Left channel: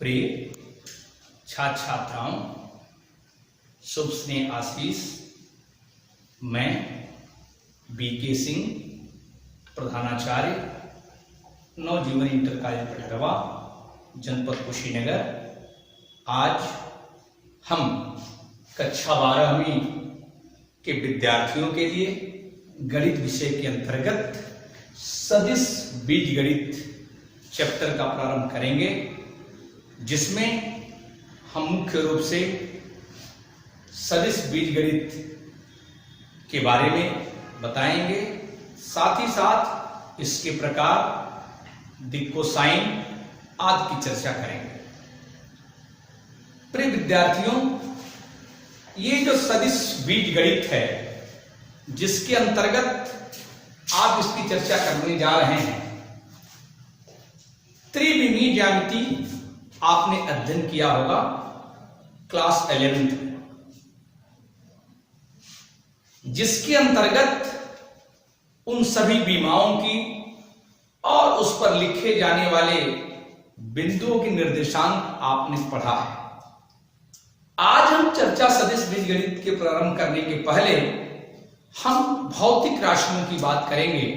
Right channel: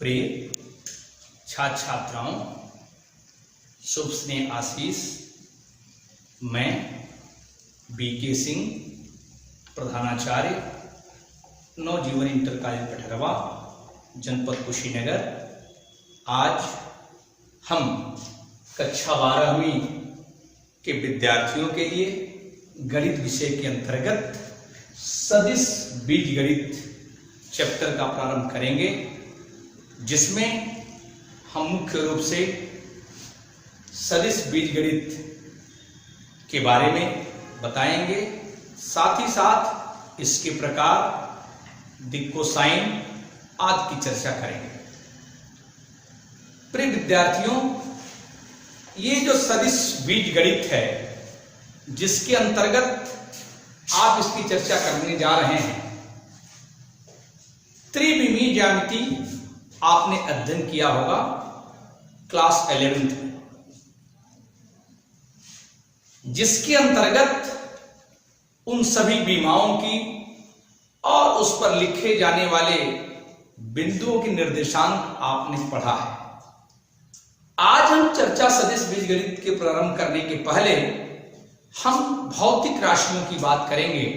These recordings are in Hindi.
प्रिय छात्र छात्राओं, शुभ स्नेह आशीष। मैं बीके सिंह, प्रधानाचार्य नवजीवन इंटर कॉलेज पटरवा, जनपद कुशीनगर। आज हम कक्षा 12वीं के विद्यार्थियों के लिए गणित विषय के अंतर्गत सदिश बीजगणित चैप्टर का प्रारंभ करेंगे, जिसमें हम मुख्य रूप से सदिश बीजगणित के बारे में बताएंगे। साथ ही साथ इसके प्रकार, दिक्कोसाइन आदि की चर्चा करेंगे। प्रिय विद्यार्थियों, ये जो सदिश बीजगणित है, जिसके अंतर्गत आप इसकी चर्चा करने जा रहे हैं, त्रिविमीय ज्यामिति आपने अध्ययन किया होगा क्लास 11th में, जिसके अंतर्गत उन सभी विमाओं की और उस पर लिखे जाने वाले बिंदुओं के निर्देशांक आपने पढ़ा है। आज हम चर्चा सदिश बीजगणित के प्रारंभ करने के पहले हम भौतिक राशियों की बात करेंगे,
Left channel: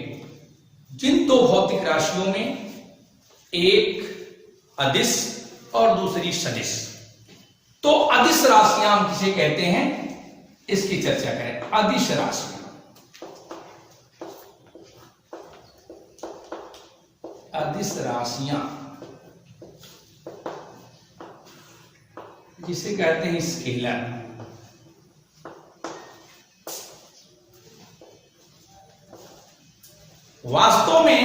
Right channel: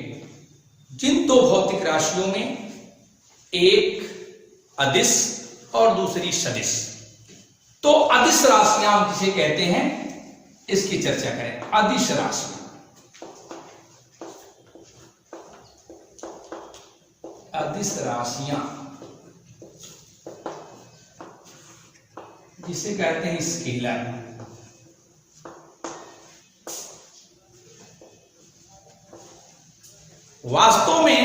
जिन दो भौतिक राशियों में एक अदिश और दूसरी सदिश। तो अदिश राशियां हम किसे कहते हैं, इसकी चर्चा करें। अदिश राशियां, अदिश राशियां जिसे कहते हैं स्केलर। वास्तव में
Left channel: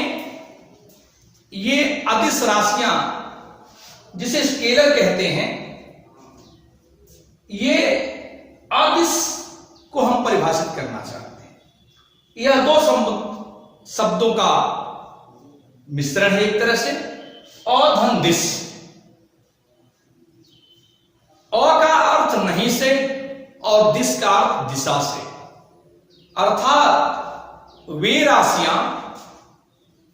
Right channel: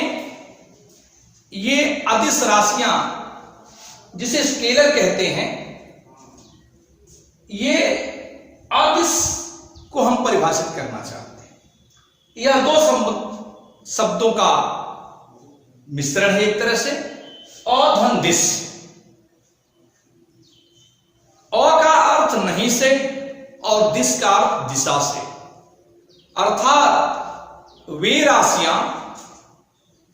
ये अदिश राशियां जिसे स्केलर कहते हैं, ये अदिश को हम परिभाषित करना चाहते हैं। यह दो शब्दों का मिश्रण है एक तरह से। अधन दिश, अ का अर्थ नहीं से और दिश का अर्थ दिशा से, अर्थात वे राशियां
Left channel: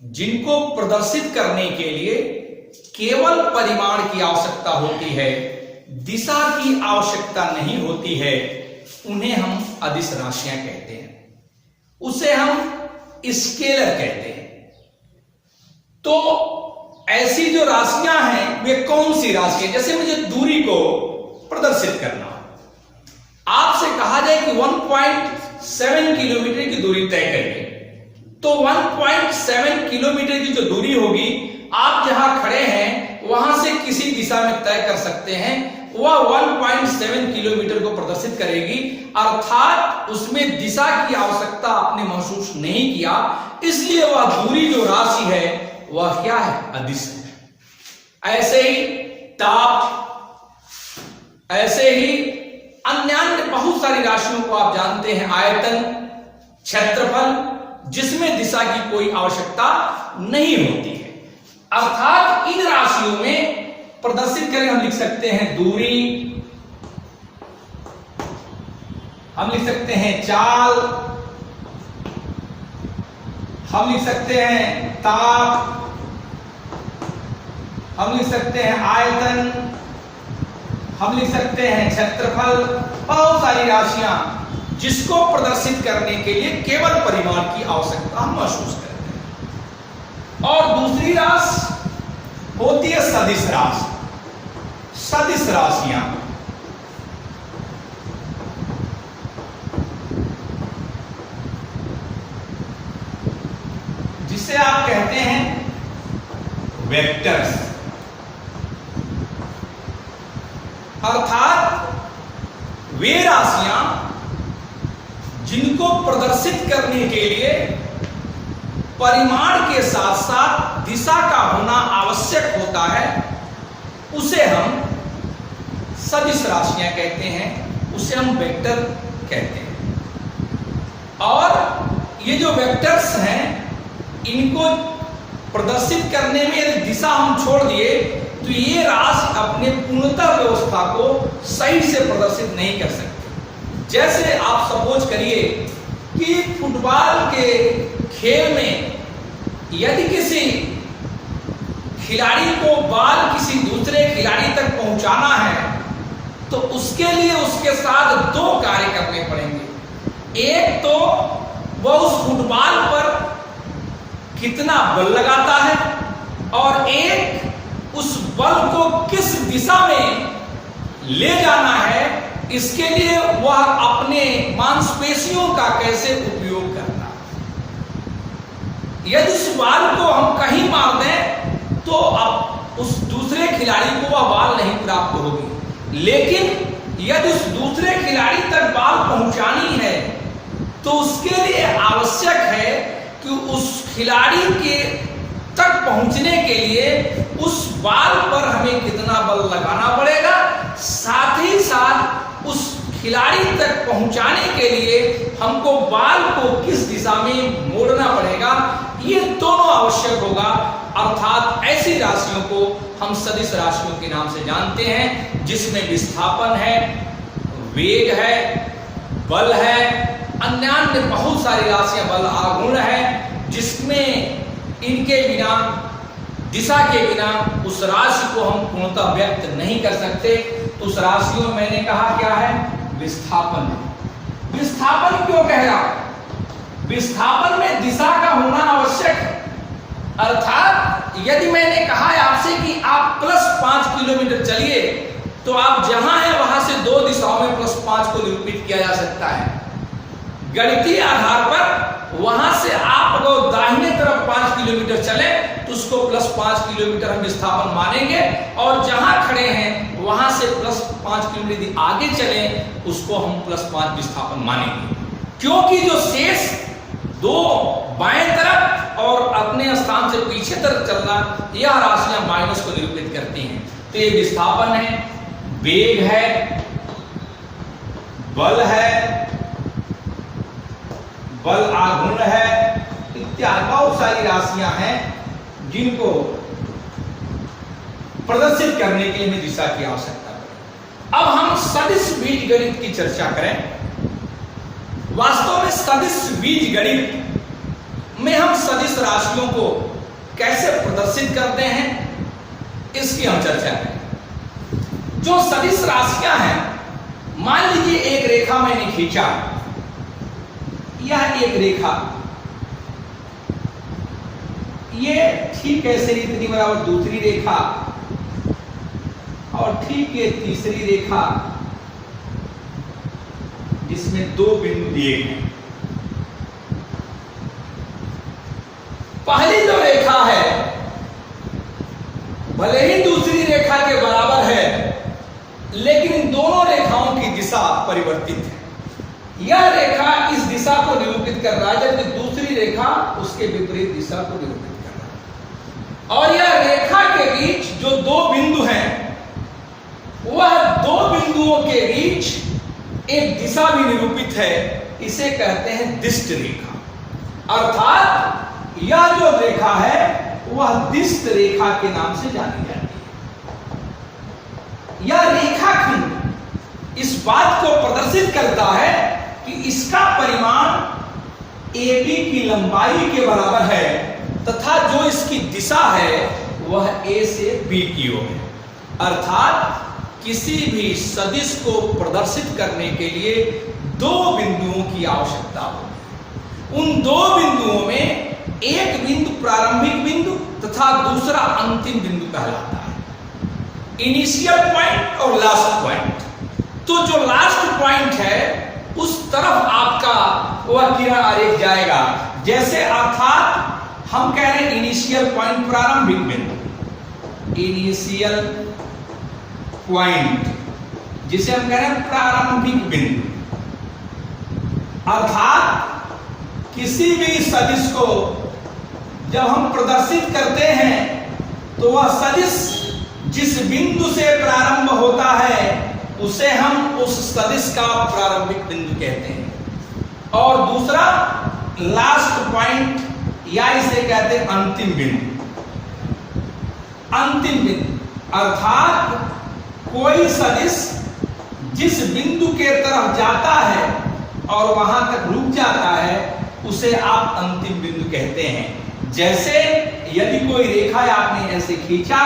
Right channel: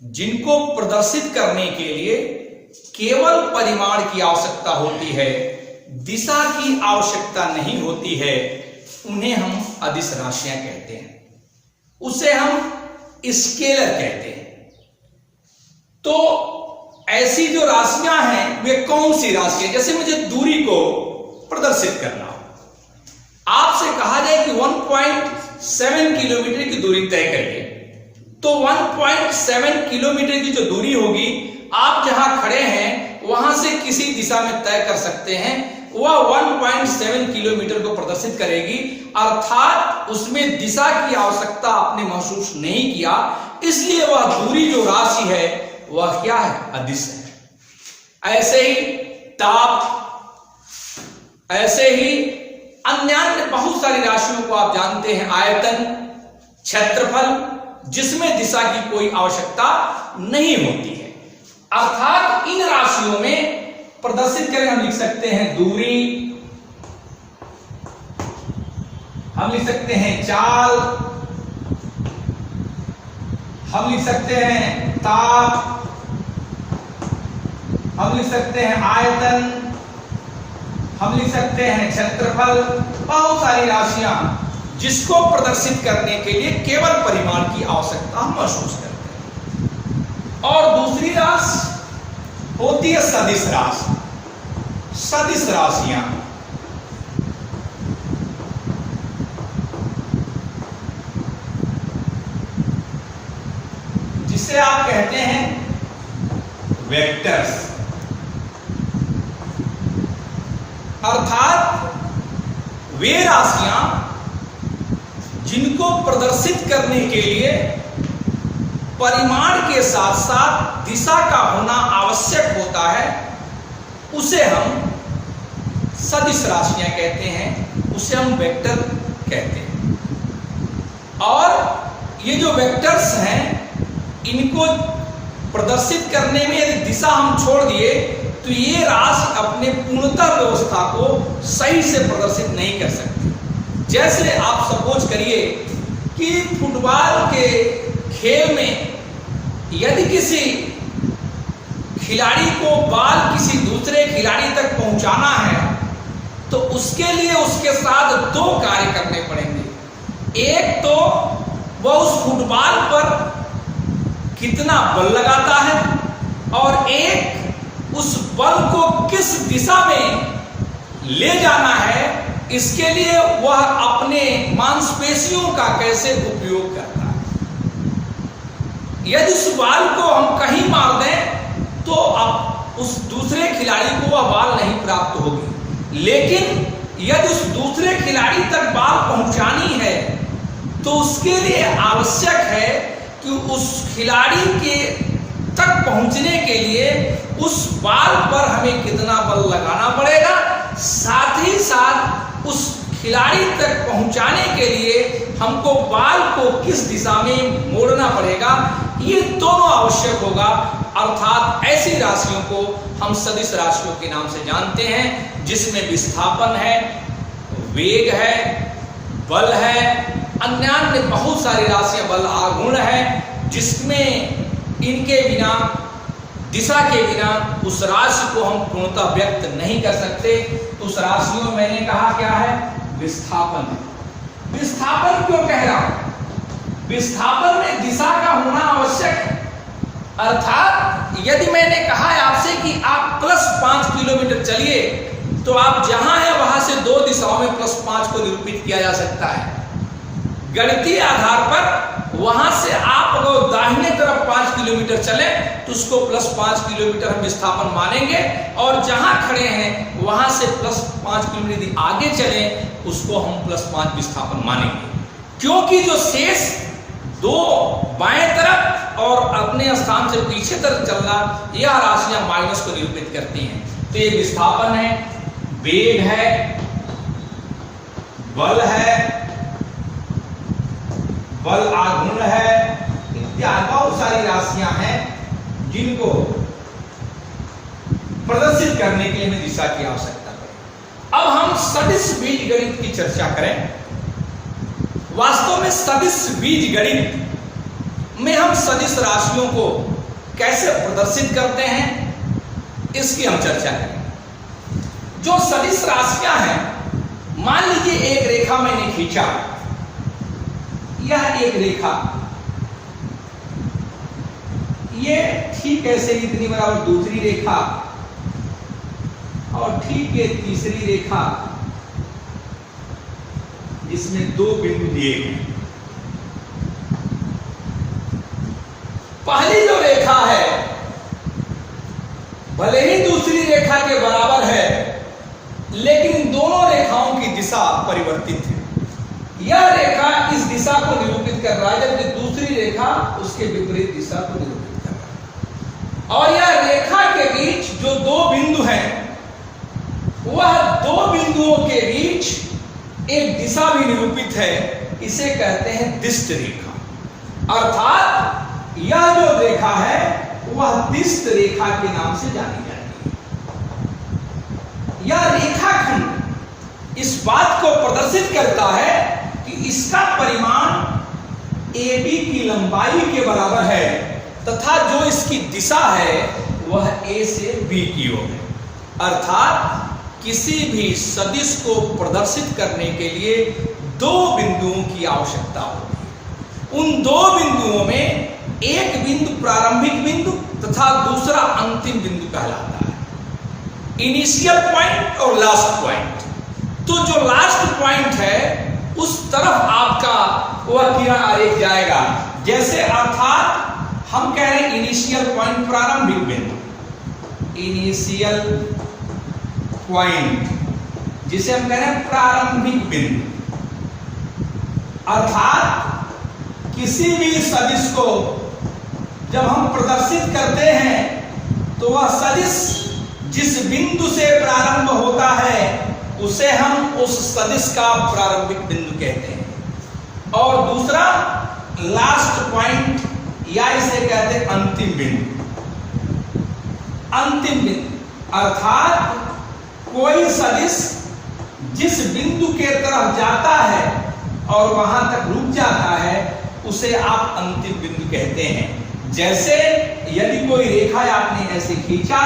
जिनको प्रदर्शित करने के लिए केवल परिमाण की आवश्यकता होती है, दिशा की आवश्यकता नहीं होती है, उन्हें हम अदिश राशियां कहते हैं। उसे हम स्केलर कहते हैं। तो ऐसी जो राशियां हैं, वे कौन सी राशि है? जैसे मुझे दूरी को प्रदर्शित करना हो, आपसे कहा जाए कि 1.7 किलोमीटर की दूरी तय करिए, तो 1.7 किलोमीटर की जो दूरी होगी, आप जहां खड़े हैं वहां से किसी दिशा में तय कर सकते हैं, वह 1.7 किलोमीटर को प्रदर्शित करेगी। अर्थात उसमें दिशा की आवश्यकता आपने महसूस नहीं किया, इसलिए वह दूरी जो राशि है वह क्या है, अदिश है। ऐसे ही ताप, ऐसे ही अन्य बहुत सारी राशियों को आप जानते हैं, आयतन, क्षेत्रफल, जिसमें दिशा की कोई आवश्यकता नहीं होती है। अर्थात इन राशियों में प्रदर्शित करें, हम लिख सकते हैं दूरी, हम लिख सकते हैं चाल, हम लिख सकते हैं ताप, हम लिख सकते हैं आयतन, हम लिख सकते हैं क्षेत्रफल। बहुत सारी राशियां जिसको प्रदर्शित करने के लिए केवल परिमाण की आवश्यकता हम महसूस करते हैं। और दूसरी राशि होती है सदिश राशि। सदिश राशियां जिसे आप कहते हैं वेक्टर्स, अर्थात वे राशियां जिनको प्रदर्शित करने के लिए परिमाण के साथ साथ दिशा का होना आवश्यक होता है, उसे हम सदिश राशियां कहते हैं, उसे हम वेक्टर कहते हैं। और ये जो वेक्टर्स हैं, इनको प्रदर्शित करने में यदि दिशा हम छोड़ दिए तो ये राशि अपने पूर्णतः व्यवस्था को सही से प्रदर्शित नहीं कर सकती। जैसे आप सपोज करिए कि फुटबॉल के खेल में यदि किसी खिलाड़ी को बॉल किसी दूसरे खिलाड़ी तक पहुंचाना है तो उसके लिए उसके साथ दो कार्य करने पड़ेंगे। एक तो वह उस फुटबॉल पर कितना बल लगाता है और एक उस बल को किस दिशा में ले जाना है, इसके लिए वह अपने मांसपेशियों का कैसे उपयोग करता है। यदि उस बॉल को हम कहीं मार दें तो अब उस दूसरे खिलाड़ी को वह बॉल नहीं प्राप्त होगी, लेकिन यदि उस दूसरे खिलाड़ी तक बॉल पहुंचानी है तो उसके लिए आवश्यक है कि उस खिलाड़ी के तक पहुंचने के लिए उस बॉल पर हमें कितना बल लगाना पड़ेगा, साथ ही साथ उस खिलाड़ी तक पहुंचाने के लिए हमको बॉल को किस दिशा में मोड़ना पड़ेगा, ये दोनों आवश्यक होगा। अर्थात ऐसी राशियों को हम सदिश राशियों के नाम से जानते हैं, जिसमें विस्थापन है, वेग है, बल है, अन्य बहुत सारी राशियां बल आगुण है, जिसमें इनके बिना, दिशा के बिना उस राशि को हम पूर्णतः व्यक्त नहीं कर सकते। उस राशियों में मैंने कहा क्या है, विस्थापन। विस्थापन क्यों कह रहा हूं? विस्थापन में दिशा का होना आवश्यक है। अर्थात यदि मैंने कहा आपसे कि आप +5 किलोमीटर चलिए, तो आप जहां हैं वहां से दो दिशाओं में +5 को निरूपित किया जा सकता है। गणितीय आधार पर वहां से आप अगर दाहिने तरफ 5 किलोमीटर चले तो उसको +5 किलोमीटर हम विस्थापन मानेंगे, और जहां खड़े हैं वहां से +5 किलोमीटर यदि आगे चले उसको हम +5 विस्थापन मानेंगे, क्योंकि जो शेष दो बाएं तरफ और अपने स्थान से पीछे तरफ चलना, यह राशियां माइनस को निरूपित करती हैं। तो ये विस्थापन है, वेग है, बल है, बल आघूर्ण है, इत्यादि बहुत सारी राशियां हैं जिनको प्रदर्शित करने के लिए हमें दिशा की आवश्यकता पड़े। अब हम सदिश बीजगणित की चर्चा करें। वास्तव में सदिश बीजगणित में हम सदिश राशियों को कैसे प्रदर्शित करते हैं, इसकी हम चर्चा करें। जो सदिश राशियां हैं, मान लीजिए एक रेखा मैंने खींचा, यह एक रेखा, ये ठीक ऐसे इतनी बराबर दूसरी रेखा, और ठीक ये तीसरी रेखा जिसमें दो बिंदु दिए हैं। पहली जो रेखा है भले ही दूसरी रेखा के बराबर है, लेकिन दोनों रेखाओं की दिशा परिवर्तित है। यह रेखा इस दिशा को निरूपित कर रहा है, जबकि दूसरी रेखा उसके विपरीत दिशा को निरूपित कर रहा है। और यह रेखा के बीच जो दो बिंदु हैं, वह दो बिंदुओं के बीच एक दिशा भी निरूपित है, इसे कहते हैं दिष्ट रेखा। अर्थात यह जो रेखा है वह दिष्ट रेखा के नाम से जानी जाती है। यह रेखाखंड इस बात को प्रदर्शित करता है कि इसका परिमाण AB की लंबाई के बराबर है, तथा जो इसकी दिशा है वह A से B की ओर है। अर्थात किसी भी सदिश को प्रदर्शित करने के लिए दो बिंदुओं की आवश्यकता होती है। उन दो बिंदुओं में एक बिंदु प्रारंभिक बिंदु तथा दूसरा अंतिम बिंदु कहलाता है, इनिशियल पॉइंट और लास्ट पॉइंट। तो जो लास्ट पॉइंट है उस तरफ आपका वह किरण आरेख जाएगा। जैसे अर्थात हम कह रहे हैं इनिशियल पॉइंट प्रारंभिक बिंदु, इनिशियल पॉइंट जिसे हम कह रहे हैं प्रारंभिक बिंदु। अर्थात किसी भी सदिश को जब हम प्रदर्शित करते हैं तो वह सदिश जिस बिंदु से प्रारंभ होता है उसे हम उस सदिश का प्रारंभिक बिंदु कहते हैं, और दूसरा लास्ट पॉइंट या इसे कहते हैं अंतिम बिंदु। अंतिम बिंदु अर्थात कोई सदिश जिस बिंदु के तरफ जाता है और वहां तक रुक जाता है उसे आप अंतिम बिंदु कहते हैं। जैसे यदि कोई रेखा आपने ऐसे खींचा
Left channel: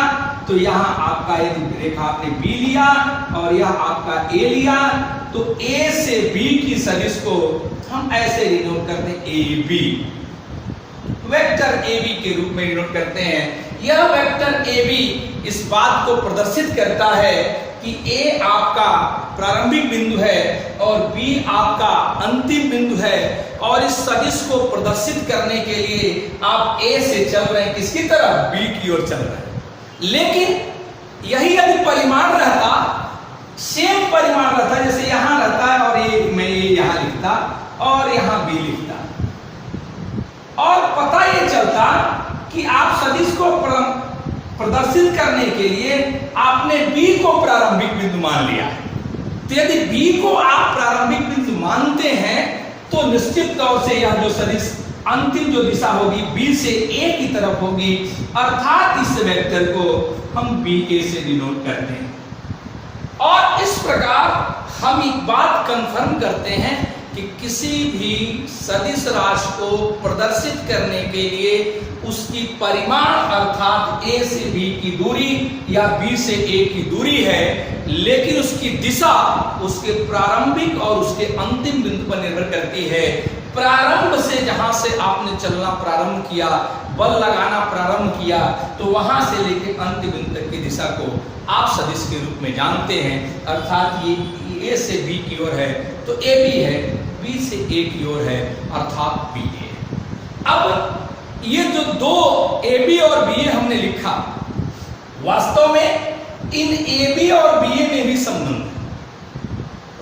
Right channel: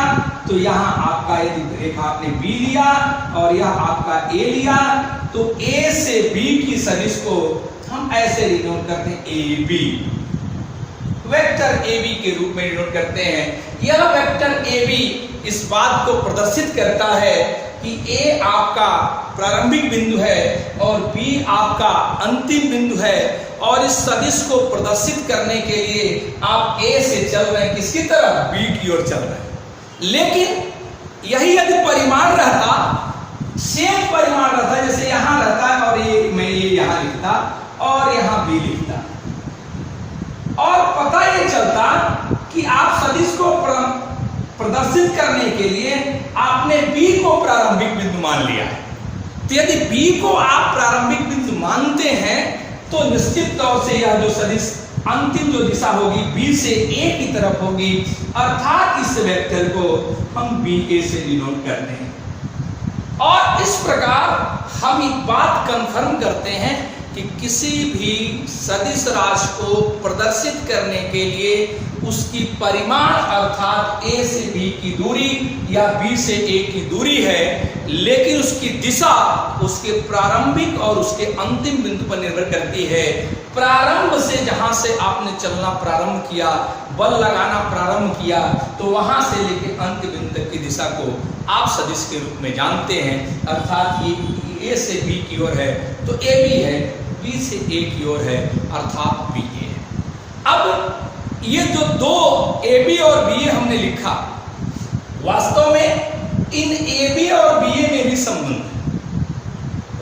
तो यहाँ आपका यदि रेखा आपने बी लिया और यह आपका ए लिया, तो ए से बी की सदिश को हम ऐसे डिनोट करते हैं A B, vector A B के रूप में डिनोट करते हैं। यह वेक्टर ए बी इस बात को प्रदर्शित करता है कि ए आपका प्रारंभिक बिंदु है और बी आपका अंतिम बिंदु है, और इस सदिश को प्रदर्शित करने के लिए आप ए से चल रहे हैं किसकी तरफ, बी की ओर चल रहे हैं। लेकिन यही यदि परिमाण रहता, सेम परिमाण रहता, जैसे यहां रहता है और ये मैं ये यहां लिखता और यहां बी लिखता, और पता ये चलता कि आप सदिश को प्रदर्शित करने के लिए आपने बी को प्रारंभिक बिंदु मान लिया है। तो यदि बी को आप प्रारंभिक बिंदु मानते हैं तो निश्चित तौर से यह जो सदिश अंतिम जो दिशा होगी बी से ए की तरफ होगी, अर्थात इस वेक्टर को हम बी ए से डिनोट करते हैं। और इस प्रकार हम एक बात कंफर्म करते हैं कि किसी भी सदिश राशि को प्रदर्शित करने के लिए उसकी परिमाण अर्थात ए से बी की दूरी या बी से ए की दूरी है, लेकिन उसकी दिशा उसके प्रारंभिक और उसके अंतिम बिंदु पर निर्भर करती है। प्रारंभ से जहां से आपने चलना प्रारंभ किया, बल लगाना प्रारंभ किया, तो वहां से लेकर अंतिम बिंदु तक की दिशा को आप सदिश के रूप में जानते हैं। अर्थात ये ए से बी की ओर है तो ए बी है, बी से ए की ओर है अर्थात बी ए। अब ये जो दो ए बी और बी ए हमने लिखा, वास्तव में इन ए बी और बी ए में भी संबंध,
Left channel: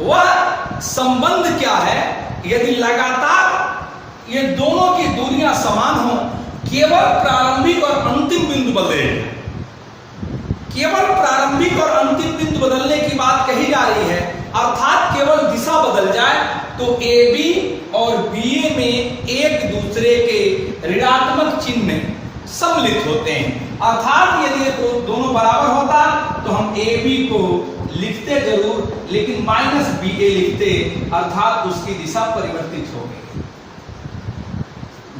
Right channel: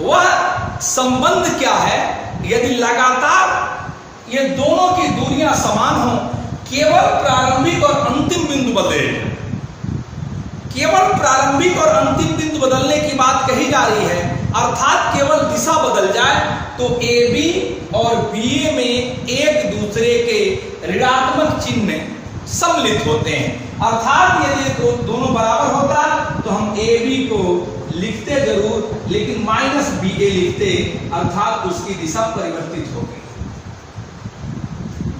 वह संबंध क्या है? यदि लगातार ये दोनों की दूरियां समान हो, केवल प्रारंभिक और अंतिम बिंदु बदले, केवल प्रारंभिक और अंतिम बिंदु बदलने की बात कही जा रही है, अर्थात केवल दिशा बदल जाए तो ए बी और बी ए में एक दूसरे के ऋणात्मक चिन्ह में सम्मिलित होते हैं। अर्थात यदि ये दोनों बराबर होता तो हम ए बी को लिखते जरूर, लेकिन माइनस बी ए लिखते, अर्थात उसकी दिशा परिवर्तित हो गई।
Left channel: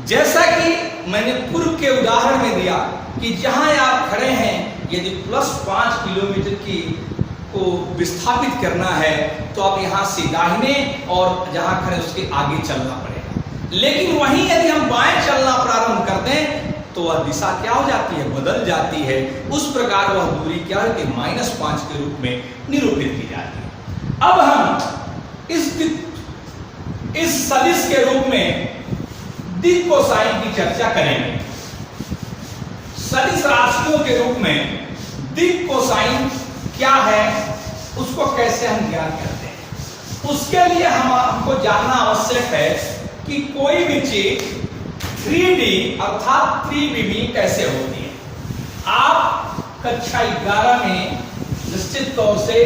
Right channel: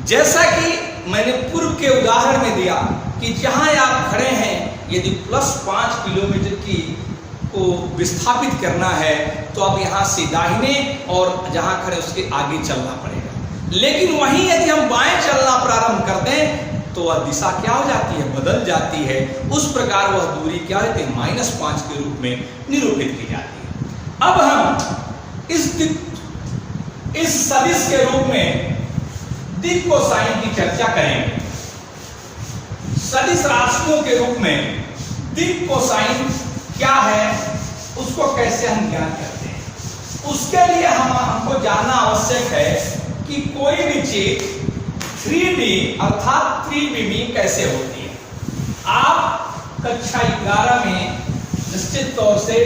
जैसा कि मैंने पूर्व के उदाहरण में दिया कि जहां आप खड़े हैं, यदि +5 किलोमीटर की को विस्थापित करना है तो अब यहां से दाहिने और जहां खड़े उसके आगे चलना पड़ेगा। लेकिन वहीं यदि हम बाएं चलना प्रारंभ कर दें तो वह दिशा क्या हो जाती है, बदल जाती है। उस प्रकार वह दूरी क्या है, -5 के रूप में निरूपित की जाती है। अब हम इस सदिश के रूप में दिक् कोसाइन की चर्चा करेंगे। सदिश राशियों के रूप में दिक् कोसाइन क्या है, उसको कैसे हम ज्ञात करते हैं, उसके लिए हमको जानना आवश्यक है कि कोई भी चीज 3D अर्थात त्रिविमीय कैसे होती है। आप कक्षा 11 में निश्चित तौर से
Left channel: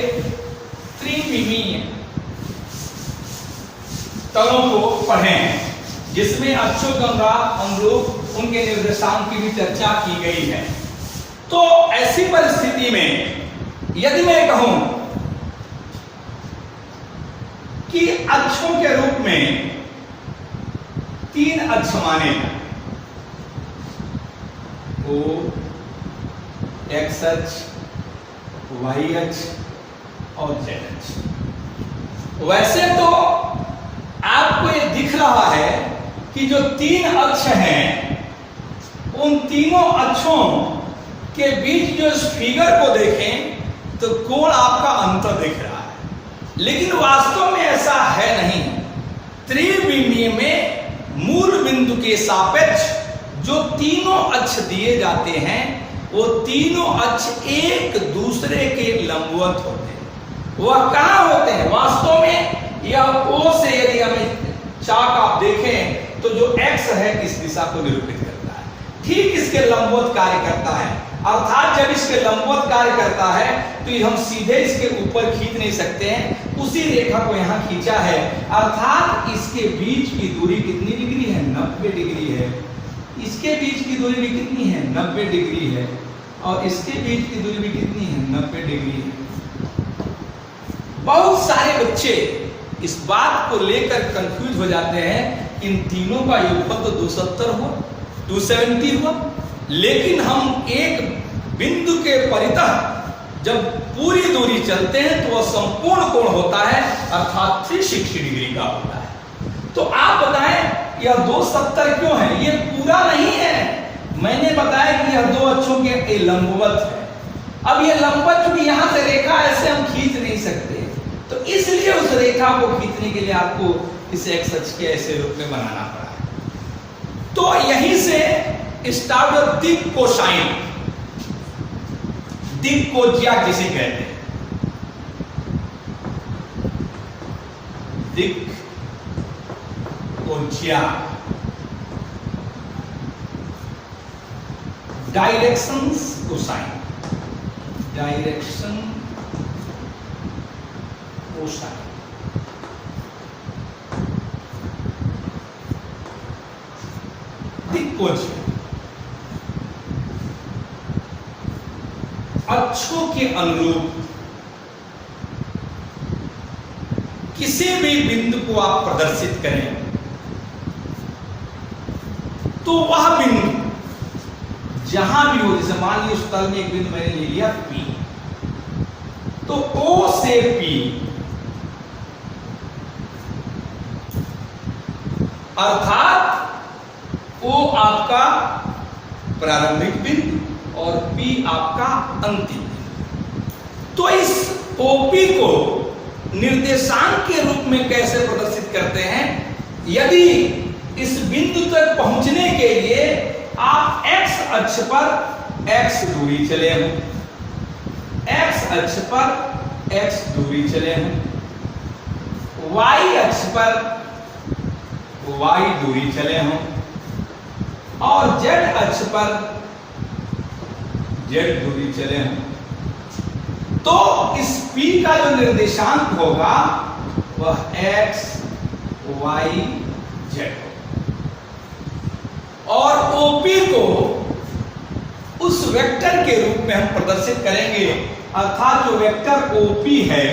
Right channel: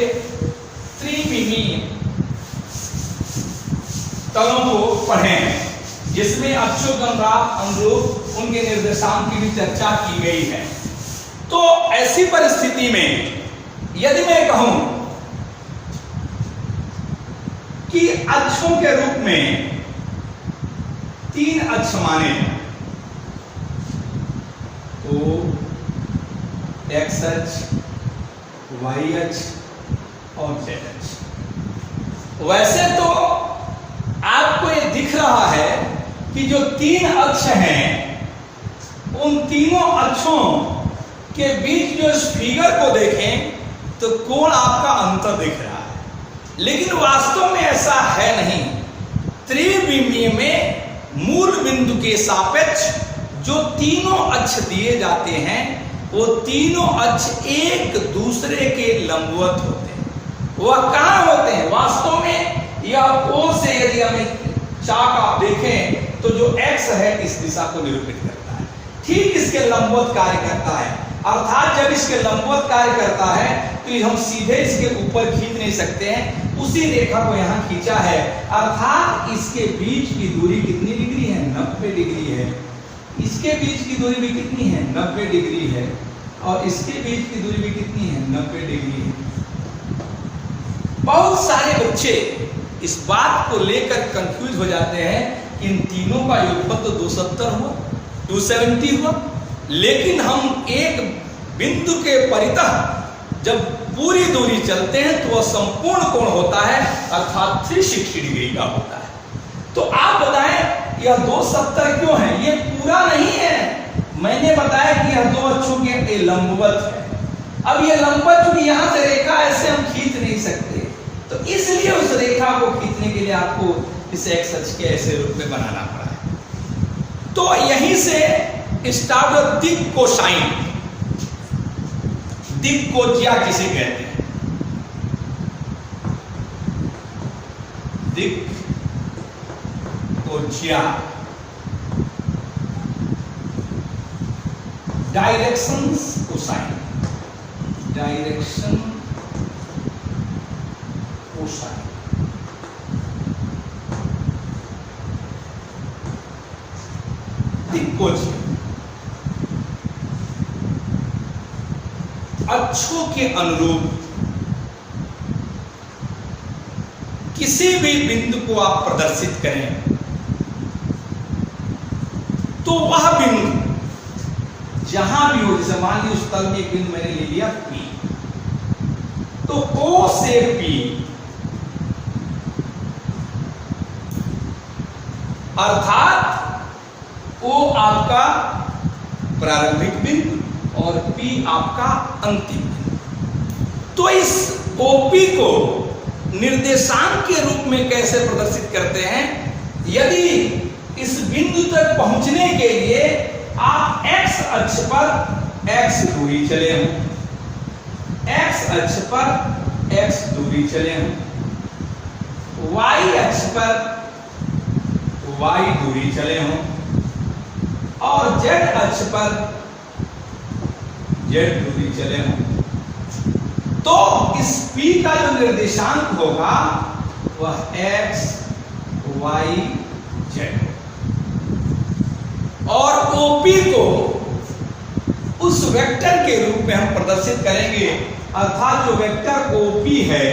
त्रिविमीय तलों को पढ़े हैं, जिसमें अक्षोगंधात अनुरूप उनके निर्देशांक की भी चर्चा की गई है। तो ऐसी परिस्थिति में यदि मैं कहूं कि अक्षों के रूप में 3 अक्ष माने हैं, ओ एक्स अक्ष, वाई अक्ष और जेड अक्ष। वैसे तो आपको ये दिख रहा है कि जो 3 अक्ष हैं, उन तीनों अक्षों के बीच जो इस फिगर को देखें तो कोण आपका अंतर दिख रहा है, लेकिन वास्तव में ऐसा है नहीं। त्रिविमीय में मूल बिंदु के सापेक्ष जो तीनों अक्ष दिए जाते हैं, वो तीनों अक्ष एक दूसरे के लंबवत होते हैं। वह कहां होते हैं? वास्तव में यह ओ से यदि हमें चाक आप देखें तो जो एक्स है इस दिशा को निरूपित करता है, ठीक इसके लंबवत कार्य करता है। अर्थात जब इसके लंबवत कार्य करता है तो हम सीधे इसके ऊपर खींच नहीं सकते हैं, उसी रेखा को यहां खींचा है। अर्थात इसके बीच की दूरी कितनी डिग्री है? 90 डिग्री है। इसके बीच की दूरी भी कितनी है? 90 डिग्री है। और इसके बीच की दूरी भी कितनी है? 90 डिग्री है। बहुत सारे बच्चे इस बात को लेकर कंफ्यूज हो जाते हैं, इन तीनों का योगफल तो 270 हुआ, 270 हुआ। लेकिन हम एक बिंदु के परितः जब पूरी दूरी चलते हैं तो वह संपूर्ण कोण होता है, अर्थात 360 डिग्री का होता है। तो आप बताएं यह 270 क्यों है? ये पूरा नहीं है। मैंने बताया कि यह दो अक्षों के लंबवत है। अब ये लंबवत क्योंकि यहां से रेखा ऐसे हम खींच नहीं सकते, तो इसलिए उस रेखा को खींचने के लिए आपको इसे एक्स अक्ष के ऐसे रूप में बनाना पड़ा। तो यहीं से स्टार्ट हुआ दिक् कोसाइन, दिक् कोज्या जिसे कहते हैं, दिक् कोज्या, डायरेक्शन कोसाइन, डायरेक्शन कोसाइन। दिक्कोज्या अक्षों के अनुरूप किसी भी बिंदु को आप प्रदर्शित करें तो वह बिंदु जहां भी हो, जैसे मान लीजिए उस तल में एक बिंदु मैंने ले लिया P, तो O से P अर्थात O आपका प्रारंभिक बिंदु और P आपका अंतिम बिंदु। तो इस OP को निर्देशांक के रूप में कैसे प्रदर्शित करते हैं? यदि इस बिंदु तक पहुंचने के लिए आप x अक्ष पर x दूरी चले हों, x अक्ष पर x दूरी चले हों, y अक्ष पर y दूरी चले हों और z अक्ष पर z दूरी चले हों, तो इस P का जो निर्देशांक होगा वह x y z और OP को उस वेक्टर के रूप में हम प्रदर्शित करेंगे, अर्थात जो वेक्टर OP है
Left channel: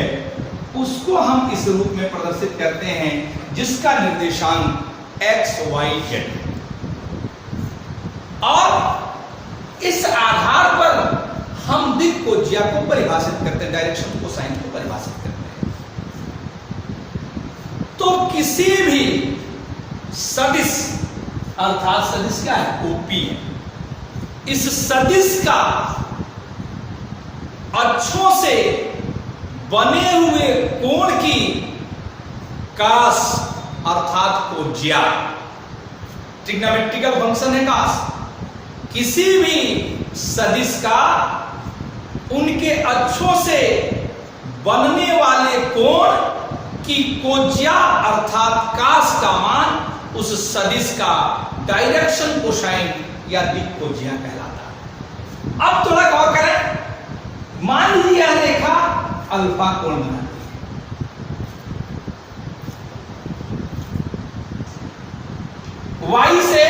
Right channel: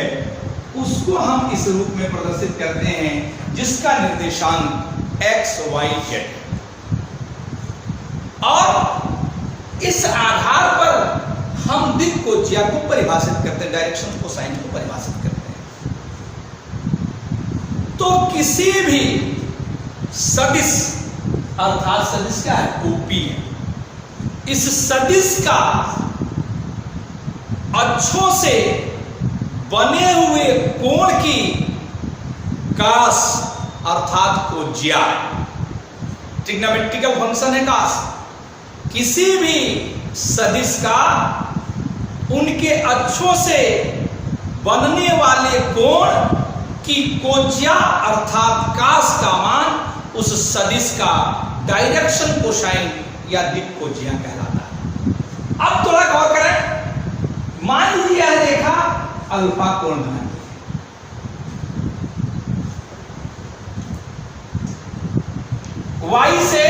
उसको हम इस रूप में प्रदर्शित करते हैं जिसका निर्देशांक x y z। और इस आधार पर हम दिक् कोज्या को परिभाषित करते हैं, डायरेक्शन कोसाइन को परिभाषित करते हैं। तो किसी भी सदिश, अर्थात सदिश क्या है? OP है। इस सदिश का अक्षों से बने हुए कोण की कास अर्थात कोज्या, ट्रिग्नोमेट्रिकल फंक्शन है कास। किसी भी सदिश का उनके अक्षों से बनने वाले कोण की कोज्या अर्थात कास का मान उस सदिश का डायरेक्शन कोसाइन या दिक् कोज्या कहलाता है। अब थोड़ा गौर करें, मान लीजिए यह रेखा अल्फा कोण बनाती है, y से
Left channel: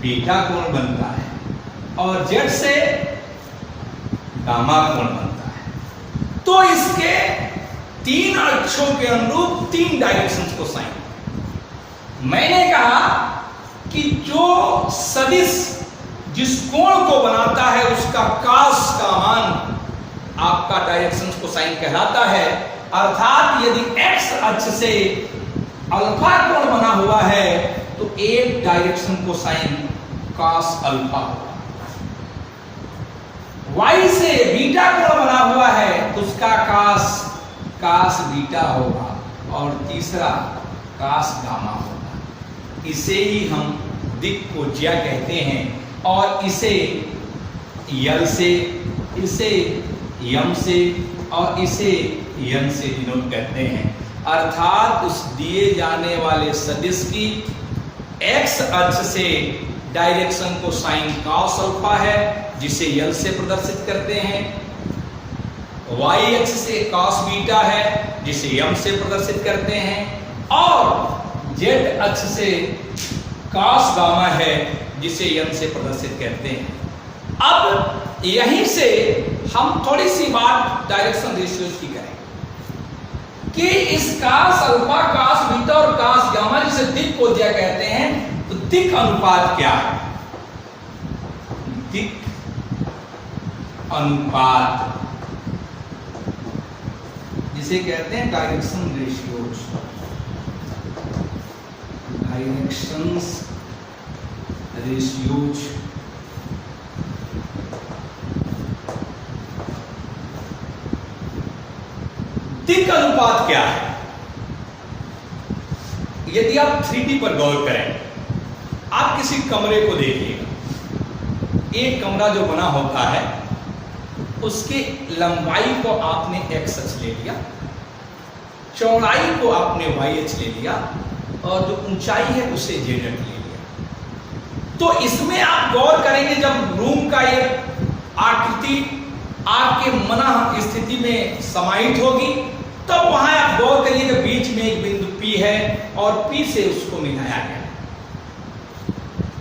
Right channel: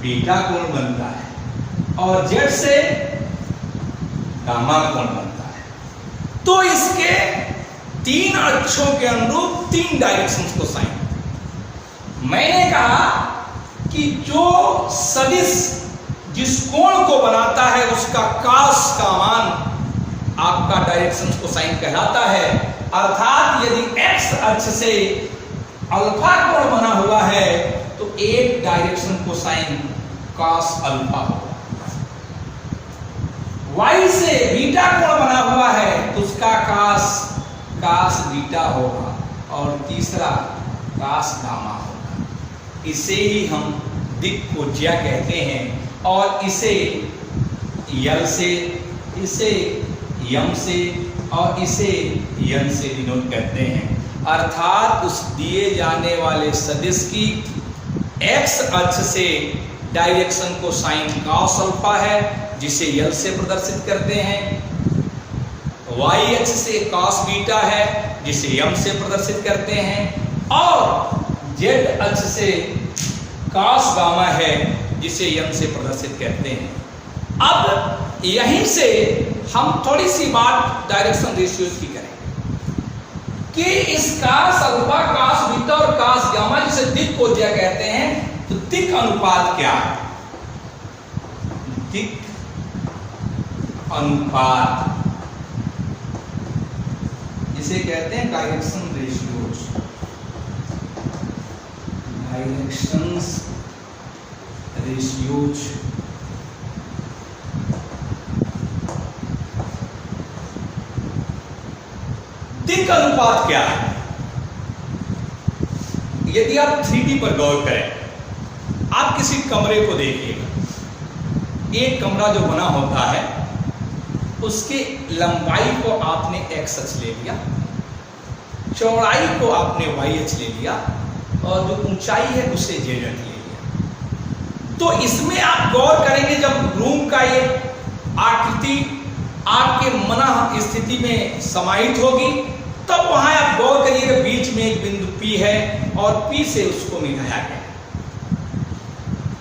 बीटा कोण बनता है और z से गामा कोण बनता है। तो इसके तीन अक्षों के अनुरूप तीन डायरेक्शंस कोसाइन। मैंने कहा कि जो सदिश जिस कोण को बनाता है उसका कास का मान आपका डायरेक्शन कोसाइन कहलाता है। अर्थात यदि x अक्ष से अल्फा कोण बना हुआ है तो एक डायरेक्शन कोसाइन कास अल्फा होगा, y से बीटा कोण बना हुआ है तो उसका कास बीटा होगा और तीसरा कास गामा होगा। इसे ही हम दिक् कोज्या कहते हैं और इसे यल से, इसे यम से और इसे यन से डिनोट करते हैं। अर्थात उस दिए जाने वाले सदिश की x अक्ष से डायरेक्शन कोसाइन कास अल्फा है जिसे यल से प्रदर्शित करते हैं, y अक्ष से कास बीटा है जिसे यम से प्रदर्शित करते हैं और z अक्ष से कास गामा है जिसे यम से प्रदर्शित करते हैं। अब यहीं से हम थोड़ी सी बात डायरेक्शन रेशियोज की करें कि इस कास अल्फा, कास बीटा और कास गामा जिसे दिक् कोज्या कहते हैं, तो दिक् अनुपात क्या है? दिक् अनुपात जिसे कहते हैं डायरेक्शन रेशियोज, डायरेक्शंस रेशियोज। दिक् अनुपात क्या है? यदि आप 3D पर गौर करें, आप किसी कमरे को देखिएगा, एक कमरा जो बना होता है उसकी लंबाई को आपने x अक्ष ले लिया, चौड़ाई को आपने y अक्ष ले लिया और जो ऊंचाई है उसे z अक्ष ले लिया। तो इसमें आप गौर करेंगे, जब रूम का एक आकृति आपके मना स्थिति में समाहित होगी, तब वहां आप गौर करिए कि बीच में एक बिंदु P है और P से उसको मिलाया गया।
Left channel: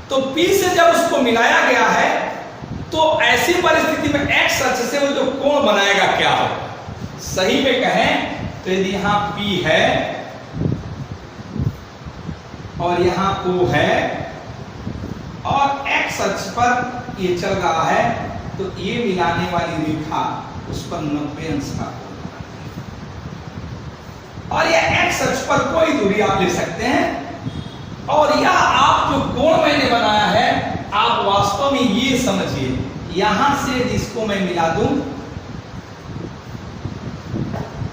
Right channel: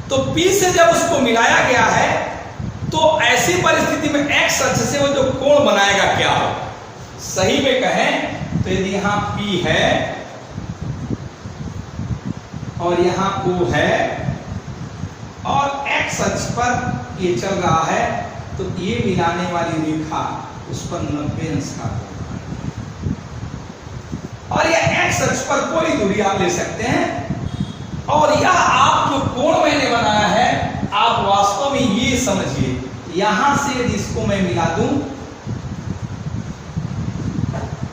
तो P से जब उसको मिलाया गया है तो ऐसी परिस्थिति में x अक्ष से वो जो कोण बनाएगा क्या होगा? सही में कहें तो यदि यहां P है और यहां O है और x अक्ष पर ये चल रहा है, तो ये मिलाने वाली रेखा उस पर 90 अंश का कोण बनाएगी। और ये x अक्ष पर कोई दूरी आप ले सकते हैं, और यह आप जो कोण मैंने बनाया है, आप वास्तव में ये समझिए, यहां से इसको मैं मिला दूं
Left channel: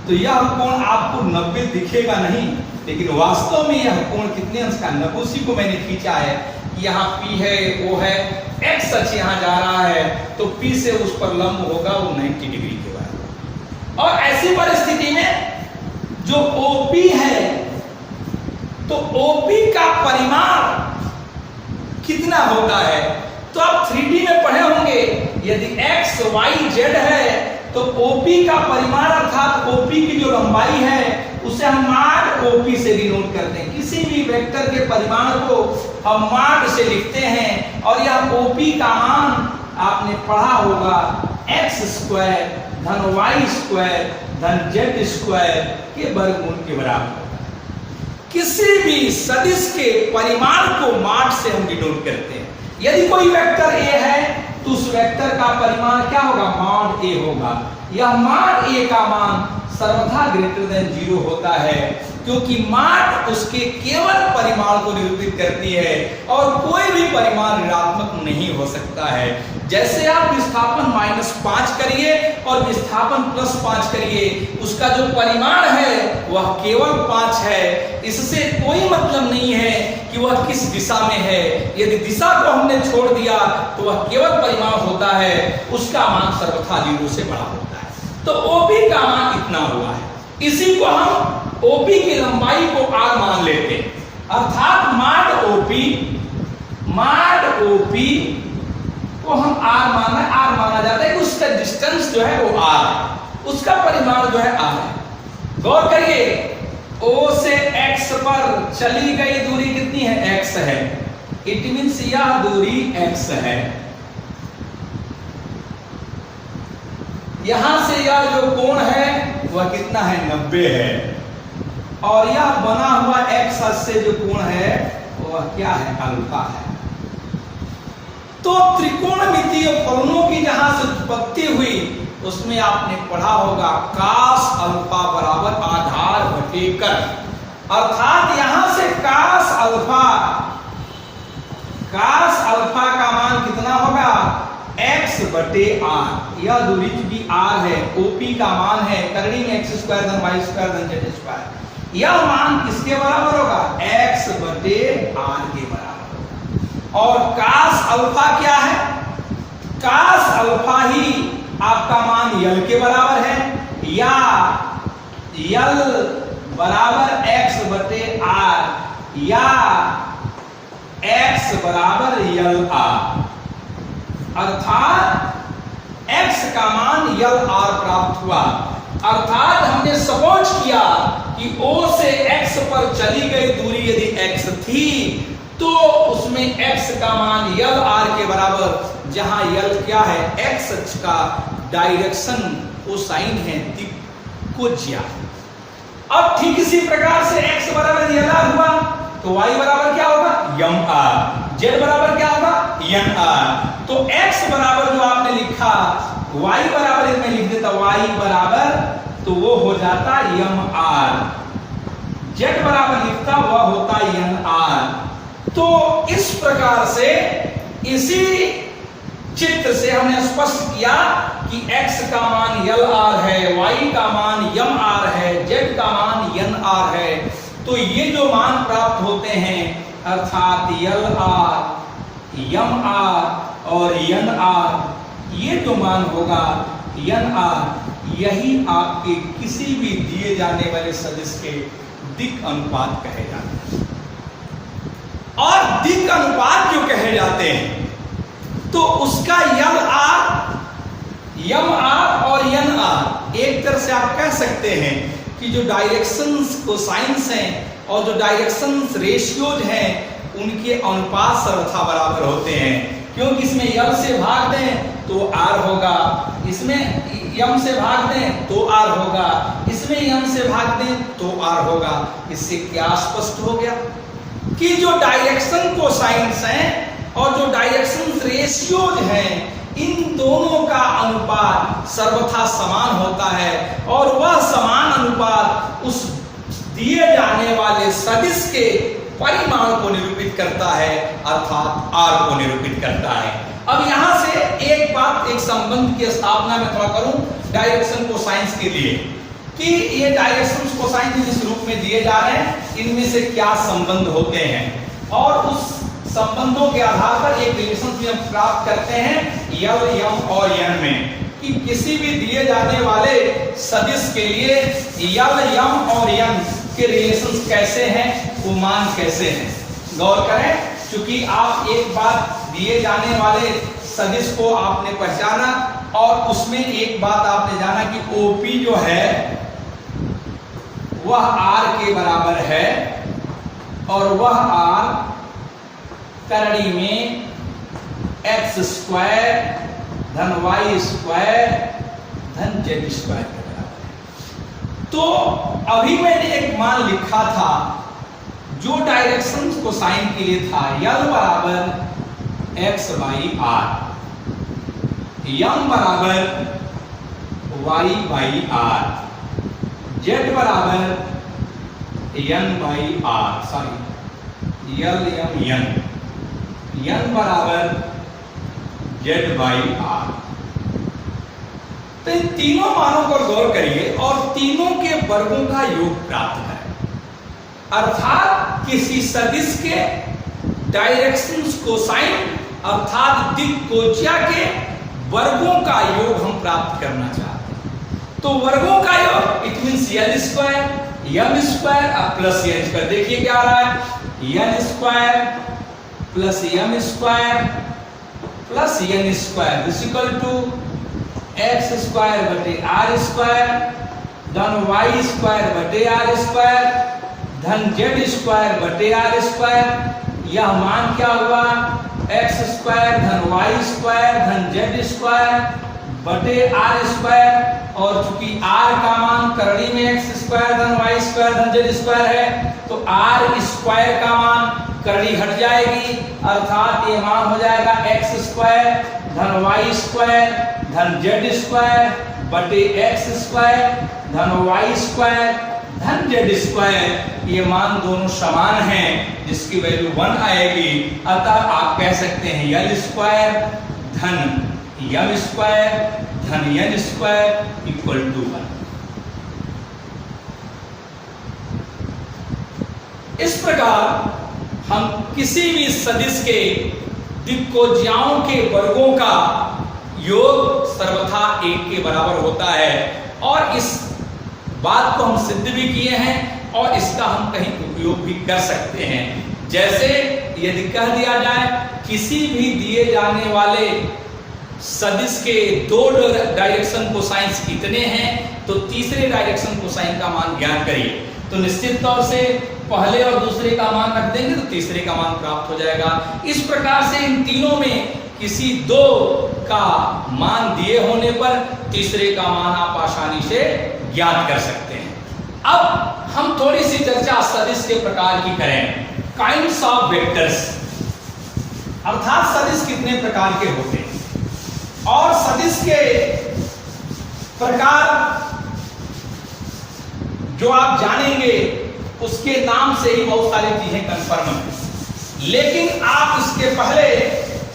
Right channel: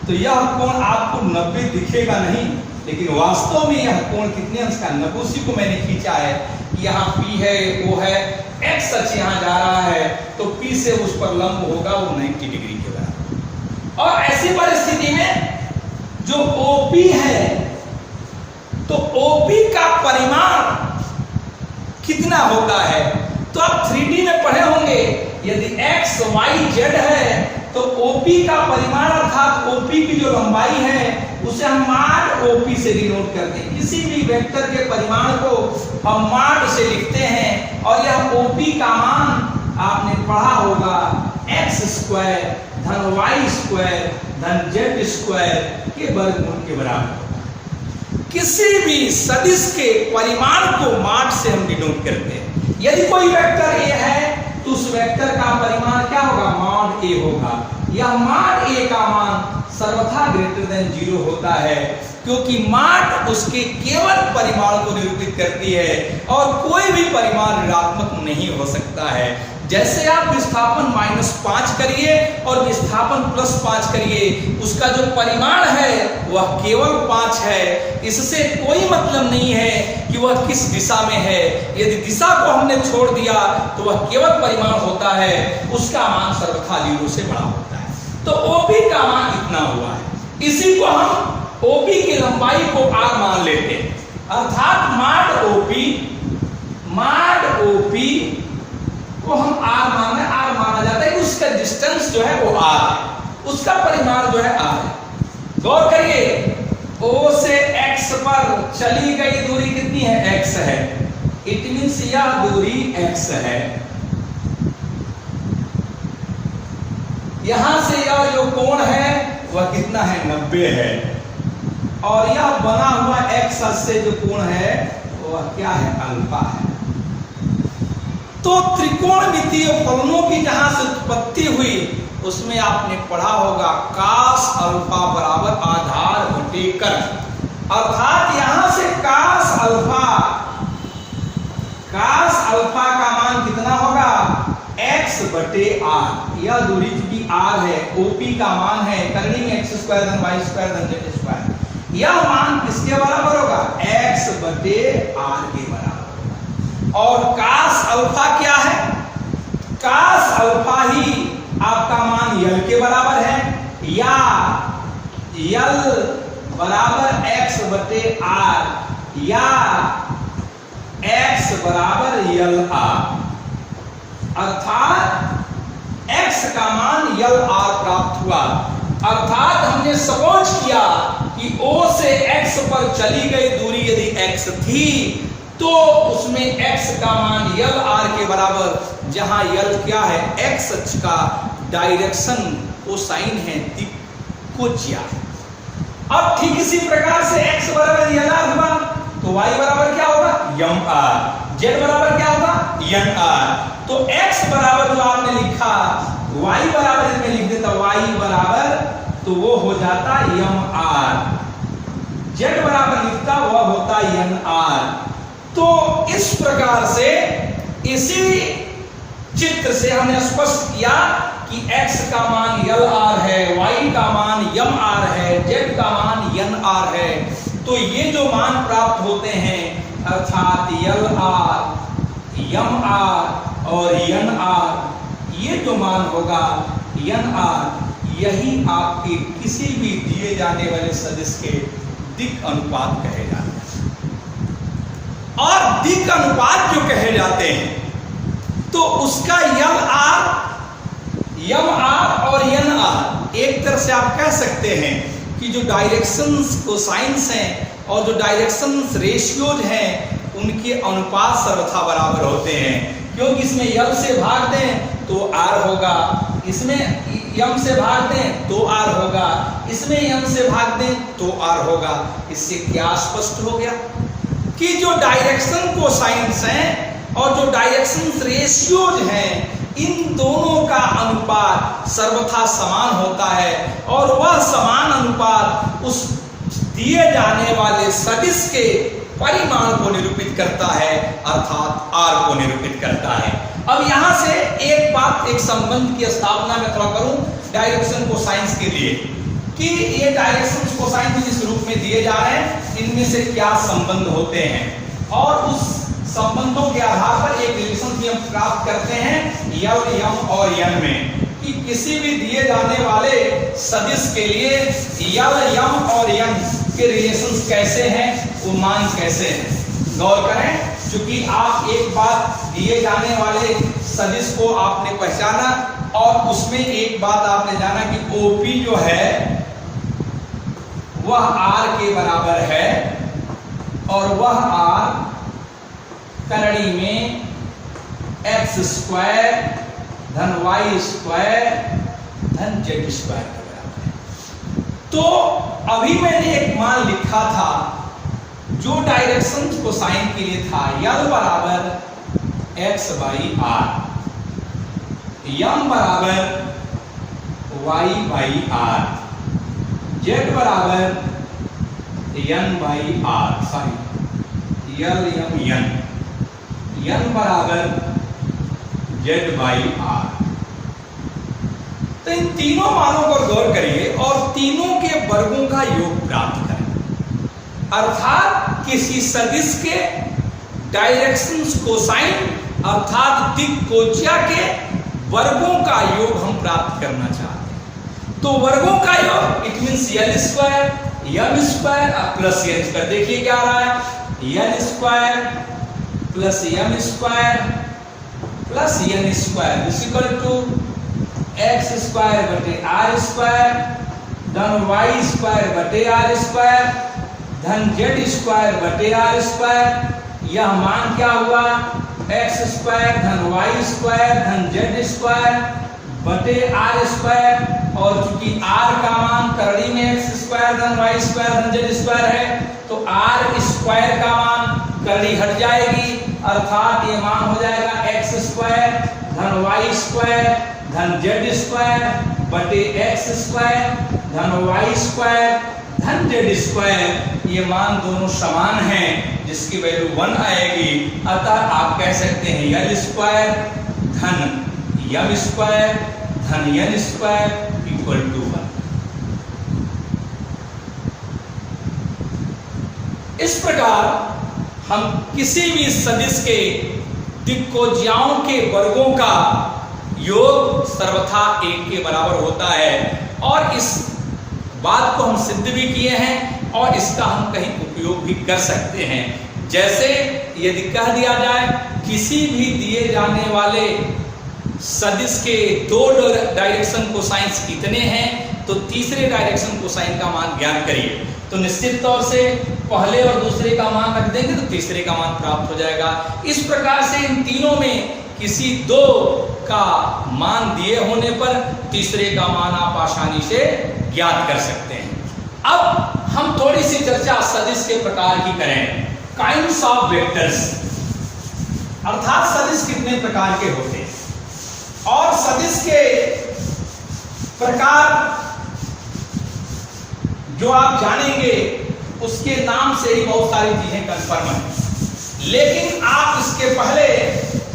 तो यह कोण आपको 90 दिखेगा नहीं, लेकिन वास्तव में यह कोण कितने अंश का? 90। उसी को मैंने खींचा है, यहाँ P है, O है, x अक्ष यहाँ जा रहा है, तो P से उस पर लंब होगा वो 90 डिग्री के बराबर। और ऐसी परिस्थिति में जो OP है, तो OP का परिमाण कितना होता है? तो आप 3D में पढ़े होंगे, यदि x y z है तो OP का परिमाण अर्थात OP की जो लंबाई है उसे हम माड OP से डिनोट करते हैं। किसी भी वेक्टर के परिमाण को हम माड से लिखते हैं, और यह OP का मान आपने पढ़ा होगा x स्क्वायर धन y स्क्वायर धन z स्क्वायर के वर्गमूल के बराबर। किसी भी सदिश के परिमाण को माड से हम डिनोट करते हैं। यदि कोई वेक्टर a है तो उस वेक्टर का परिमाण क्या होगा? माड a होगा। यह माड a का मान सर्वथा ग्रेटर देन 0 होता है, क्योंकि माड उसके केवल परिमाण को निरूपित करती है और कोई भी परिमाण ऋणात्मक नहीं हो सकता है। जैसे आप विस्थापन -5 करिए और विस्थापन +5 करिए, उसका जो परिमाण है वह केवल 5 है। इससे कोई मतलब नहीं है कि वह किस दिशा में है। यदि दिशा को हमने छोड़ दिया तो वह केवल परिमाण होता है, उसका मान सर्वथा 0 से बड़ा होता है। तो OP का मान इतना हुआ है। इसी को हम OP की लंबाई को r मान लेते हैं, अर्थात माड OP को हम r माना जाता है कि उसका डिस्टेंस जो है वो r है, उसका परिमाण जो है r है। गौर करिए, O से x पर चली गई दूरी कितनी है? x है। इट मींस यह दूरी x है। यहां से यह जो कोण है वह कितना है? 90 है। और यह बना हुआ x अक्ष से जो कोण है वह क्या है? अल्फा है। तो त्रिकोणमितीय फलनों की जहां से उत्पत्ति हुई उसमें आपने पढ़ा होगा कास अल्फा बराबर आधार बटे कर, अर्थात यहां से कास अल्फा का मान कितना होगा? x बटे r। यह दूरी चूंकि r है, OP का मान है, करनी में x स्क्वायर धन y स्क्वायर धन z स्क्वायर, यह मान किसके बराबर होगा? x बटे r के बराबर। और कास अल्फा क्या है? कास अल्फा ही आपका मान यल के बराबर है, या यल बराबर x बटे r, या x बराबर यल r, अर्थात x का मान यल r प्राप्त हुआ। अर्थात हमने सपोज किया कि O से x पर चली गई दूरी यदि x थी तो उसमें x का मान यल r के बराबर, जहां यल क्या है? x अक्ष का डायरेक्शन कोसाइन है, दिक् को ज्या। अब ठीक इसी प्रकार से x बराबर यल r हुआ तो y बराबर क्या होगा यम आर, z बराबर क्या होगा यन आर। तो x बराबर जो आपने लिखा y बराबर इसमें लिख देता y बराबर, तो वो हो जाता यम आर, z बराबर लिखता वह होता यन आर। तो इस प्रकार से इसी चित्र से हमने स्पष्ट किया कि x का मान यल आर है, y का मान यम आर है, z का मान यन आर है। तो ये जो मान प्राप्त होते हैं अर्थात यल आर, यम आर और यन आर, ये जो मान होगा यन आर, यही आपके किसी भी दिए जाने वाले सदिश के दिक् अनुपात कहे जाते हैं। और दिक् अनुपात जो कहे जाते हैं तो उसका यम आर और यन आर, एक तरह से आप कह सकते हैं कि जो डायरेक्शंस कोसाइंस हैं और जो डायरेक्शंस रेशियोज हैं उनके अनुपात सर्वथा बराबर होते हैं। क्योंकि इसमें यल से भाग दें तो आर होगा, इसमें यम से भाग दें तो आर होगा, इसमें यम से भाग दें तो आर होगा। इससे क्या स्पष्ट हो गया कि जो डायरेक्शन कोसाइंस हैं और जो डायरेक्शन रेशियोज हैं इन दोनों का अनुपात सर्वथा समान होता है और वह समान अनुपात उस दिए जाने वाले सदिश के परिमाण को निरूपित करता है अर्थात आर को निरूपित करता है। अब यहां से एक बात, एक संबंध की स्थापना मैं थोड़ा करूं डायरेक्शन कोसाइंस के लिए कि ये डायरेक्शन कोसाइंस जिस रूप में दिए जा रहे हैं इनमें से क्या संबंध होते हैं और उस संबंधों के आधार पर एक रिलेशन भी हम प्राप्त करते हैं यल, यम और यन में कि किसी भी दिए जाने वाले सदिश के लिए यल, यम और यन के रिलेशंस कैसे हैं, वो मान कैसे हैं। गौर करें, क्योंकि आप एक बात दिए जाने वाले सदिश को आपने पहचाना और उसमें एक बात आपने जाना कि OP जो है वह R के बराबर है और वह R करड़ी में x स्क्वायर धन y स्क्वायर धन z स्क्वायर का बराबर है। तो अभी मैंने एक मान लिखा था जो डायरेक्शन कोसाइन के लिए था यल बराबर x बाई आर, यम बराबर y बाई आर, z बराबर यन बाई आर, सॉरी यल यम यन, यन बराबर जेड बाई आर। तो इन तीनों मानों पर गौर करिए और तीनों के वर्गों का योग प्राप्त करें अर्थात किसी सदिश के डायरेक्शंस कोसाइन अर्थात दिक् कोज्या के वर्गों का योग हम प्राप्त करना चाहते हैं। तो वर्गों का योग it means L square, M square plus N square. देखिए क्या आ रहा है L square plus M square plus N square is equal to X square बटे आर स्क्वायर धन वाई स्क्वायर बटे आर स्क्वायर धन जेड स्क्वायर बटे आर स्क्वायर। यह मान क्या हुआ एक्स स्क्वायर धन वाई स्क्वायर धन जेड स्क्वायर बटे आर स्क्वायर। और चूंकि आर का मान करड़ी में एक्स स्क्वायर धन वाई स्क्वायर धन जेड स्क्वायर है तो आर स्क्वायर का मान करड़ी हट जाएगी अर्थात ये मान हो जाएगा एक्स स्क्वायर धन वाई स्क्वायर धन जेड स्क्वायर बटे एक्स स्क्वायर धन वाई स्क्वायर धन जेड स्क्वायर। ये मान दोनों समान हैं जिसकी वैल्यू 1 आएगी। अतः आप कह सकते हैं यल स्क्वायर धन यम स्क्वायर धन यन स्क्वायर इक्वल टू 1। इस प्रकार हम किसी भी सदिश के दिक्कोज्याओं के वर्गों का योग सर्वथा 1 के बराबर होता है और इस बात को हम सिद्ध भी किए हैं और इसका हम कहीं उपयोग भी कर सकते हैं। जैसे यदि कह दिया जाए किसी भी दिए जाने वाले सदिश के दो डायरेक्शन कोसाइंस कितने हैं तो तीसरे डायरेक्शन कोसाइन का मान ज्ञात करिए तो निश्चित तौर से पहले और दूसरे का मान रख देंगे तो तीसरे का मान प्राप्त हो जाएगा। इस प्रकार से इन तीनों में किसी दो का मान दिए होने पर तीसरे का मान आप आसानी से ज्ञात कर सकते हैं। अब हम थोड़ी सी चर्चा सदिश के प्रकार की करें। काइंड्स ऑफ वेक्टर्स, अर्थात सदिश कितने प्रकार के होते हैं, और सदिश के प्रकार जो आप जानेंगे उसके नाम से ही बहुत सारी चीजें कंफर्म है। लेकिन आप इसके पहले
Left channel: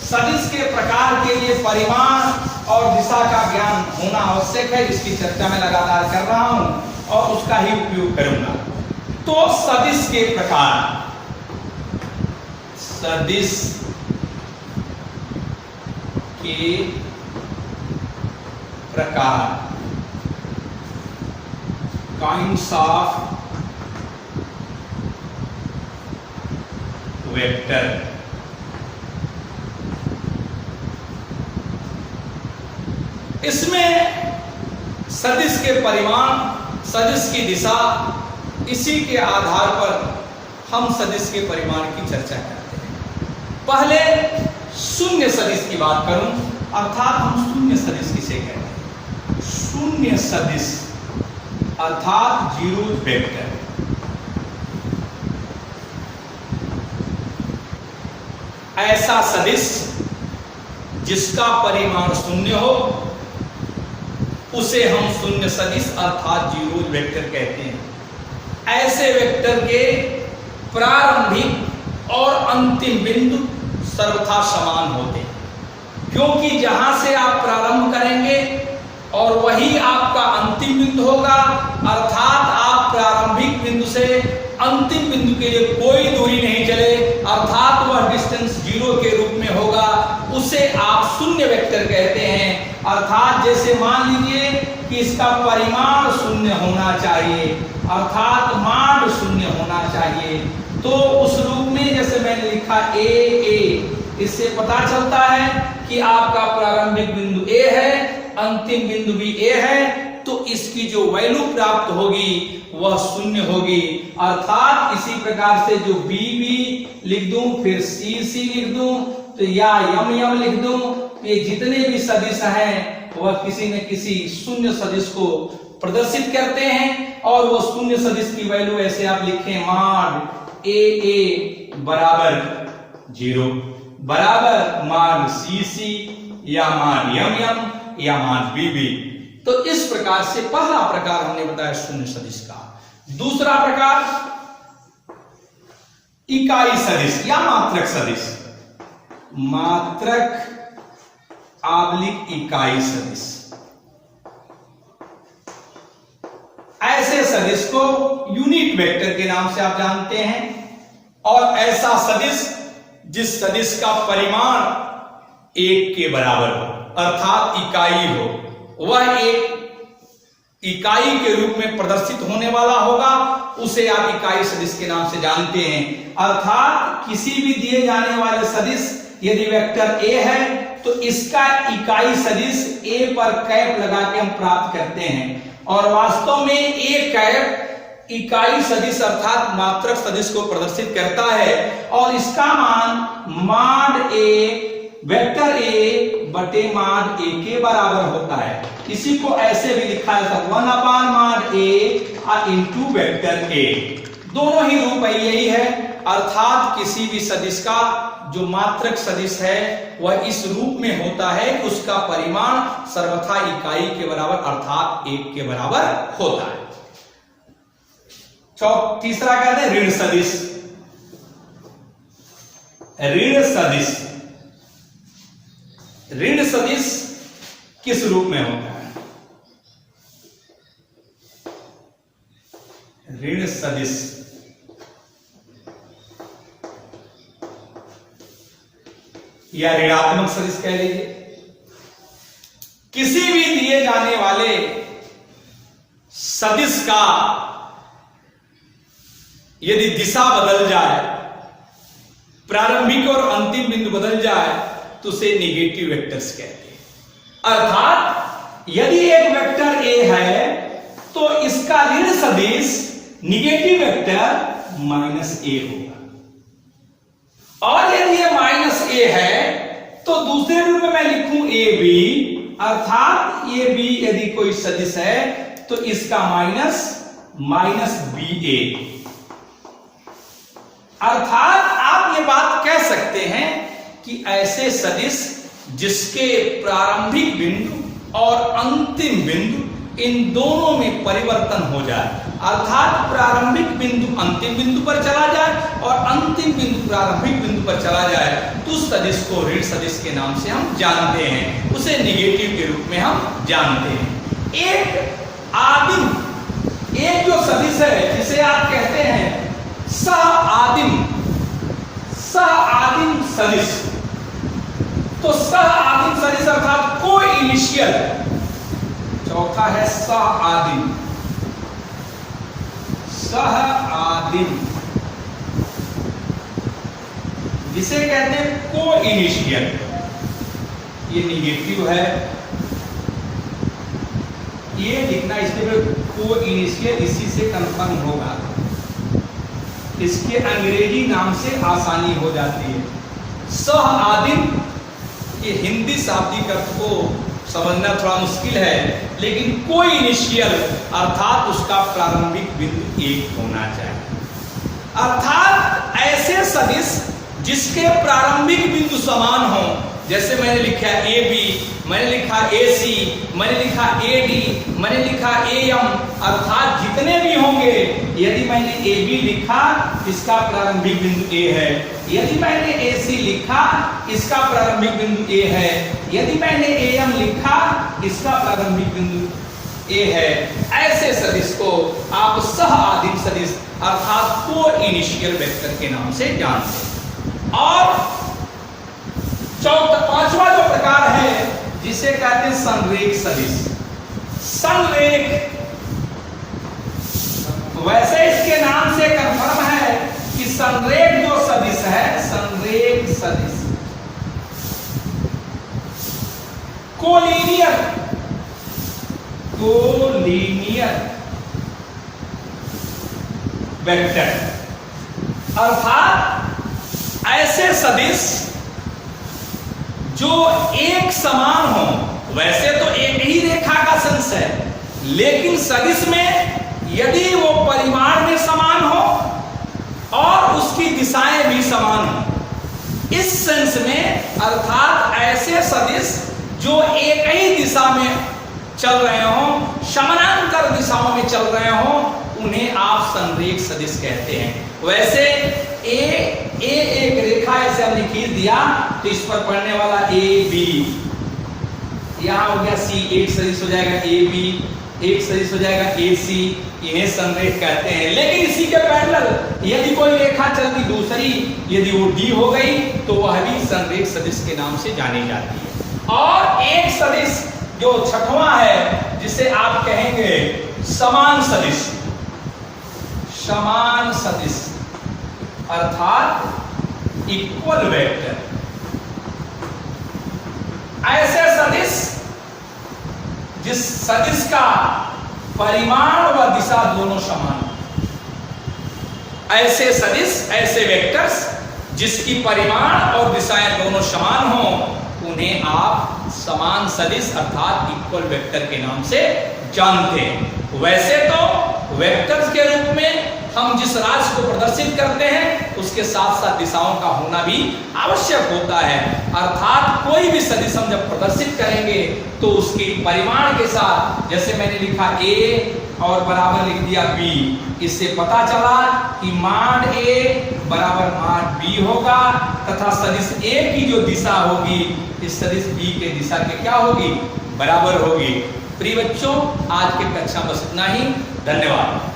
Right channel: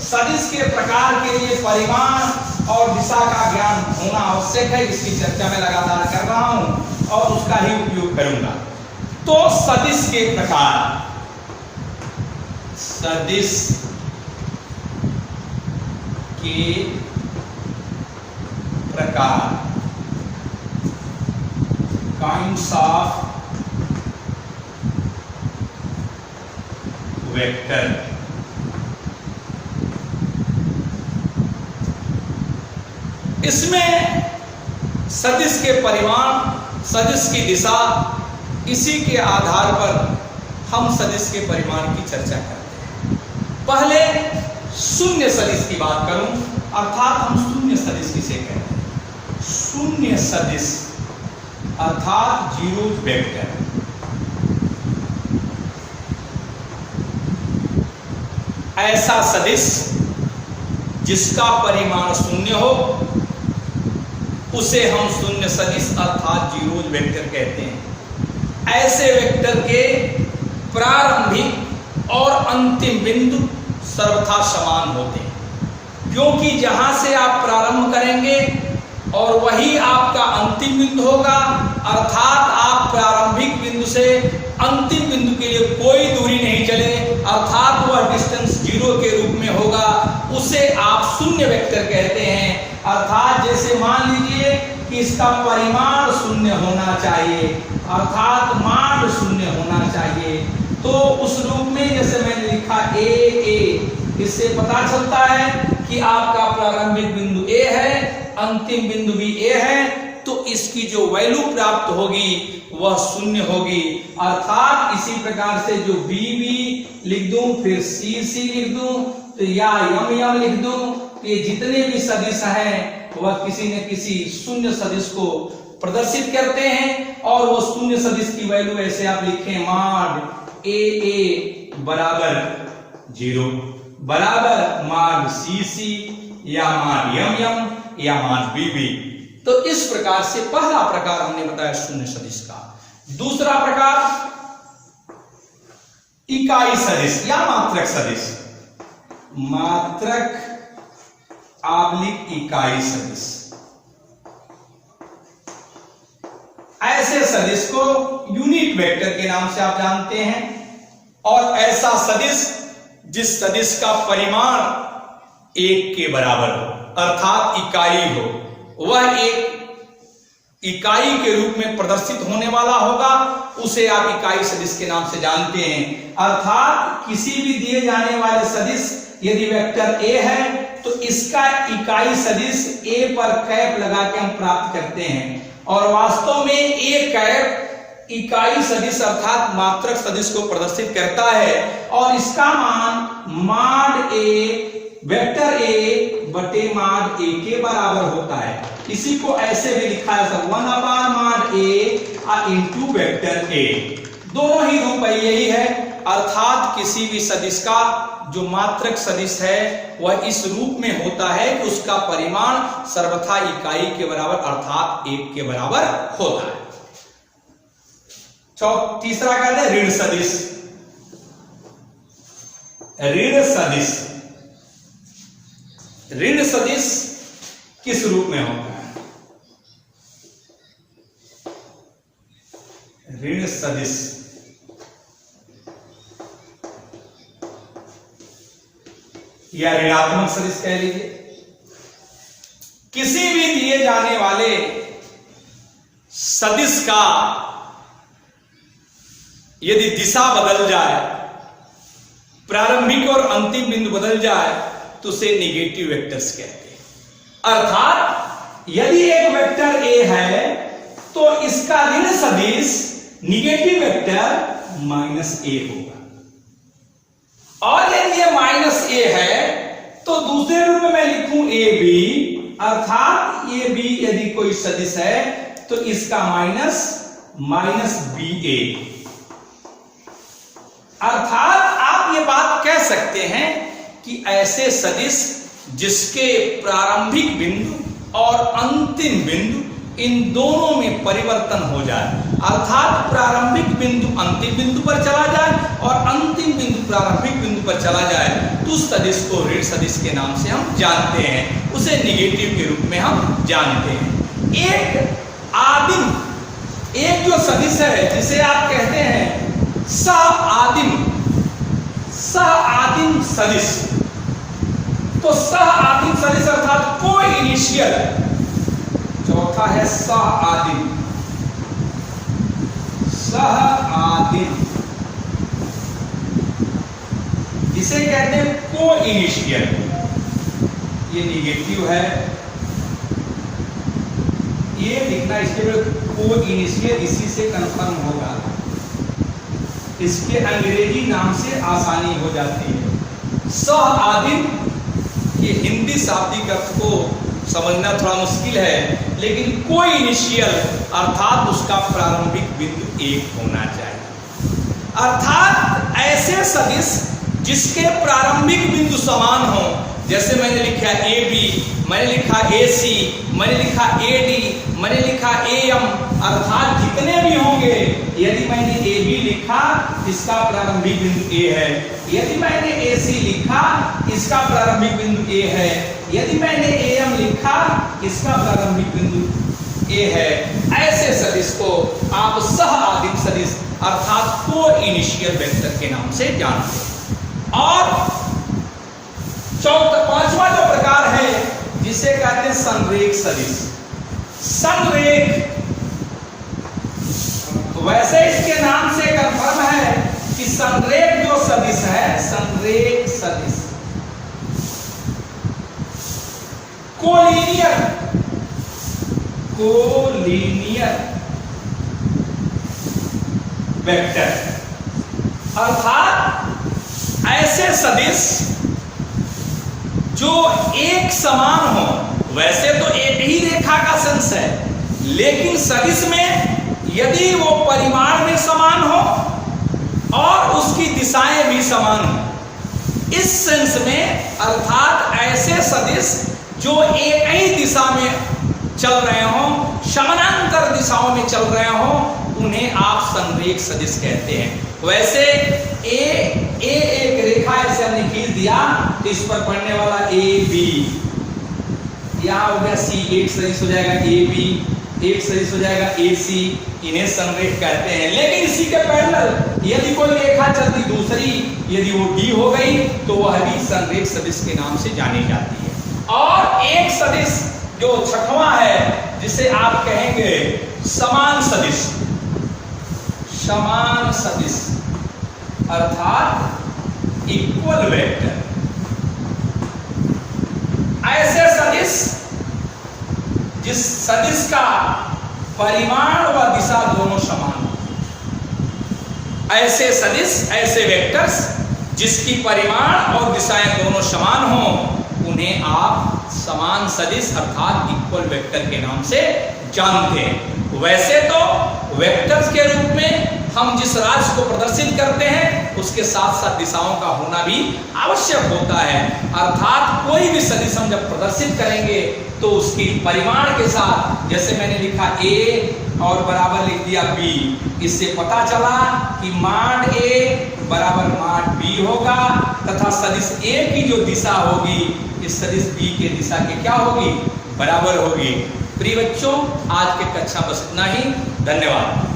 सदिश के प्रकार के लिए परिमाण और दिशा का ज्ञान होना आवश्यक है, इसकी चर्चा मैं लगातार कर रहा हूं और उसका ही उपयोग करूंगा। तो सदिश के प्रकार, सदिश के प्रकार, काइंड्स ऑफ वेक्टर। इसमें सदिश के परिमाण, सदिश की दिशा, इसी के आधार पर हम सदिश के परिमाण की चर्चा करते हैं। पहले शून्य सदिश की बात करूं, अर्थात हम शून्य सदिश किसे कहते हैं? शून्य सदिश अर्थात जीरो वेक्टर। ऐसा सदिश जिसका परिमाण शून्य हो उसे हम शून्य सदिश अर्थात जीरो वेक्टर कहते हैं। ऐसे वेक्टर के प्रारंभिक और अंतिम बिंदु सर्वथा समान होते हैं, क्योंकि जहां से आप प्रारंभ करेंगे और वही आपका अंतिम बिंदु होगा, अर्थात आप प्रारंभिक बिंदु से अंतिम बिंदु के लिए कोई दूरी नहीं चले, अर्थात वह डिस्टेंस जीरो के रूप में होगा, उसे आप शून्य वेक्टर कहते हैं। अर्थात जैसे मान लीजिए कि इसका परिमाण शून्य होना चाहिए, अर्थात मान शून्य होना चाहिए, तो उस रूप में जैसे मैंने लिखा ए, इससे पता चलता है कि आपका प्रारंभिक बिंदु ए है, अंतिम बिंदु भी ए है, तो इसकी जो वैल्यू प्राप्त होगी वह शून्य होगी। अर्थात इसी प्रकार से जो बी लिख दूं, फिर सी लिख दूं, तो या यम लिख दूं, ये जितने भी सदिश हैं वह किसी न किसी शून्य सदिश को प्रदर्शित करते हैं, और वह शून्य सदिश की वैल्यू ऐसे आप लिखें माड ए बराबर 0 बराबर माड सी या माड यम या माड बी। तो इस प्रकार से पहला प्रकार हमने बताया शून्य सदिश का। दूसरा प्रकार इकाई सदिश या मात्रक सदिश, मात्रक आबलिक इकाई सदिश। ऐसे सदिश को यूनिट वेक्टर के नाम से आप जानते हैं, और ऐसा सदिश जिस सदिश का परिमाण 1 के बराबर हो, अर्थात इकाई हो, वह एक इकाई के रूप में प्रदर्शित होने वाला होगा, उसे आप इकाई सदिश के नाम से जानते हैं। अर्थात किसी भी दिए जाने वाले सदिश यदि वेक्टर ए है तो इसका इकाई सदिश ए पर कैप लगा के हम प्राप्त करते हैं, और वास्तव में ए कैप इकाई सदिश अर्थात मात्रक सदिश को प्रदर्शित करता है, और इसका मान माड ए वेक्टर ए बटे माड ए के बराबर होता है। इसी को ऐसे भी लिखा है 1 माड ए इंटू वेक्टर ए। दोनों ही रूप यही है, अर्थात किसी भी सदिश का जो मात्रक सदिश है वह इस रूप में होता है कि उसका परिमाण सर्वथा इकाई के बराबर अर्थात 1 के बराबर होता है। तीसरा कहते हैं ऋण सदिश। ऋण सदिश, ऋण सदिश किस रूप में होता है? ऋण सदिश या ऋणात्मक सदिश कह लीजिए। किसी भी दिए जाने वाले सदिश का यदि दिशा बदल जाए, प्रारंभिक और अंतिम बिंदु बदल जाए, तो उसे नेगेटिव वेक्टर्स कहते हैं। अर्थात यदि एक वेक्टर ए है तो इसका ऋण सदिश नेगेटिव वेक्टर -a होगा, और यदि ये -a है तो दूसरे रूप में मैं लिखूं ab, अर्थात ये b यदि कोई सदिश है तो इसका माइनस ba। अर्थात आप ये बात कह सकते हैं कि ऐसे सदिश जिसके प्रारंभिक बिंदु और अंतिम बिंदु इन दोनों में परिवर्तन हो जाए, अर्थात प्रारंभिक बिंदु अंतिम बिंदु पर चला जाए और अंतिम बिंदु प्रारंभिक बिंदु पर चला जाए, तो उस सदिश को ऋण सदिश के नाम से हम जानते हैं, उसे नेगेटिव के रूप में हम जानते हैं। एक आदिम, एक जो सदिश है जिसे आप कहते हैं सह आदिम सदिश, तो सह आदिम सदिश अर्थात को इनिशियल, चौथा है सह आदिम जिसे कहते हैं को इनिशियल, ये निगेटिव है, ये लिखना इसके बाद को इनिशियल इसी से कंफर्म होगा, इसके अंग्रेजी नाम से आसानी हो जाती है। सह आदिम ये हिंदी शाब्दिक अर्थ को समझना थोड़ा मुश्किल है, लेकिन कोई इनिशियल अर्थात उसका प्रारंभिक बिंदु एक होना चाहिए, अर्थात ऐसे सदिश जिसके प्रारंभिक बिंदु समान हो, जैसे मैंने लिखा ए बी, मैंने लिखा ए सी, मैंने लिखा ए डी, मैंने लिखा ए एम, अर्थात जितने भी होंगे, यदि मैंने ए बी लिखा इसका प्रारंभिक बिंदु ए है, यदि मैंने ए सी लिखा इसका प्रारंभिक बिंदु ए है, यदि मैंने ए एम लिखा इसका प्रारंभिक बिंदु ए है, ऐसे सदिश को आप सह आदिम सदिश अर्थात को इनिशियल वेक्टर के नाम से जानते हैं। और पांचवा जो प्रकार है जिसे कहते हैं संरेख सदिश, संरेख, वैसे इसके नाम से कंफर्म है कि संरेख जो सदिश है, संरेख सदिश कोलिनियर वेक्टर, अर्थात ऐसे सदिश जो एक समान हो, वैसे तो एक ही रेखा का सेंस है, लेकिन सदिश में यदि वो परिमाण में समान हो और उसकी दिशाएं भी समान हो, इस सेंस में अर्थात ऐसे सदिश जो एक ही दिशा में चल रहे हो, समानांतर दिशाओं में चल रहे हो, उन्हें आप संरेख सदिश कहते हैं। वैसे एक रेखा ऐसे हमने खींच दिया तो इस पर पड़ने वाला ए बी, यहां हो गया सी, एक सदिश हो जाएगा ए बी, एक सदिश हो जाएगा ए सी, इन्हें संरेख कहते हैं। लेकिन इसी के पैरेलल यदि कोई रेखा चलती दूसरी, यदि वो डी हो गई तो वह भी संरेख सदिश के नाम से जानी जाती है। और एक सदिश जो छठवां है जिसे आप कहेंगे समान सदिश, समान सदिश अर्थात इक्वल वेक्टर, ऐसे सदिश जिस सदिश का परिमाण व दिशा दोनों समान हो, ऐसे सदिश, ऐसे वेक्टर्स जिसकी परिमाण और दिशाएं दोनों समान हो, उन्हें आप समान सदिश अर्थात इक्वल वेक्टर के नाम से जानते हैं। वैसे तो वेक्टर्स के रूप में हम जिस राशि को प्रदर्शित करते हैं उसके साथ साथ दिशाओं का होना भी आवश्यक होता है, अर्थात कोई भी सदिश हम जब प्रदर्शित करेंगे तो उसकी परिमाण के साथ, जैसे मैंने लिखा ए और बराबर लिख दिया बी, इससे पता चला कि मान ए बराबर मान बी होगा, तथा सदिश ए की जो दिशा होगी इस सदिश बी के दिशा के क्या होगी, बराबर होगी। प्रिय बच्चों, आज के कक्षा बस इतना ही, धन्यवाद।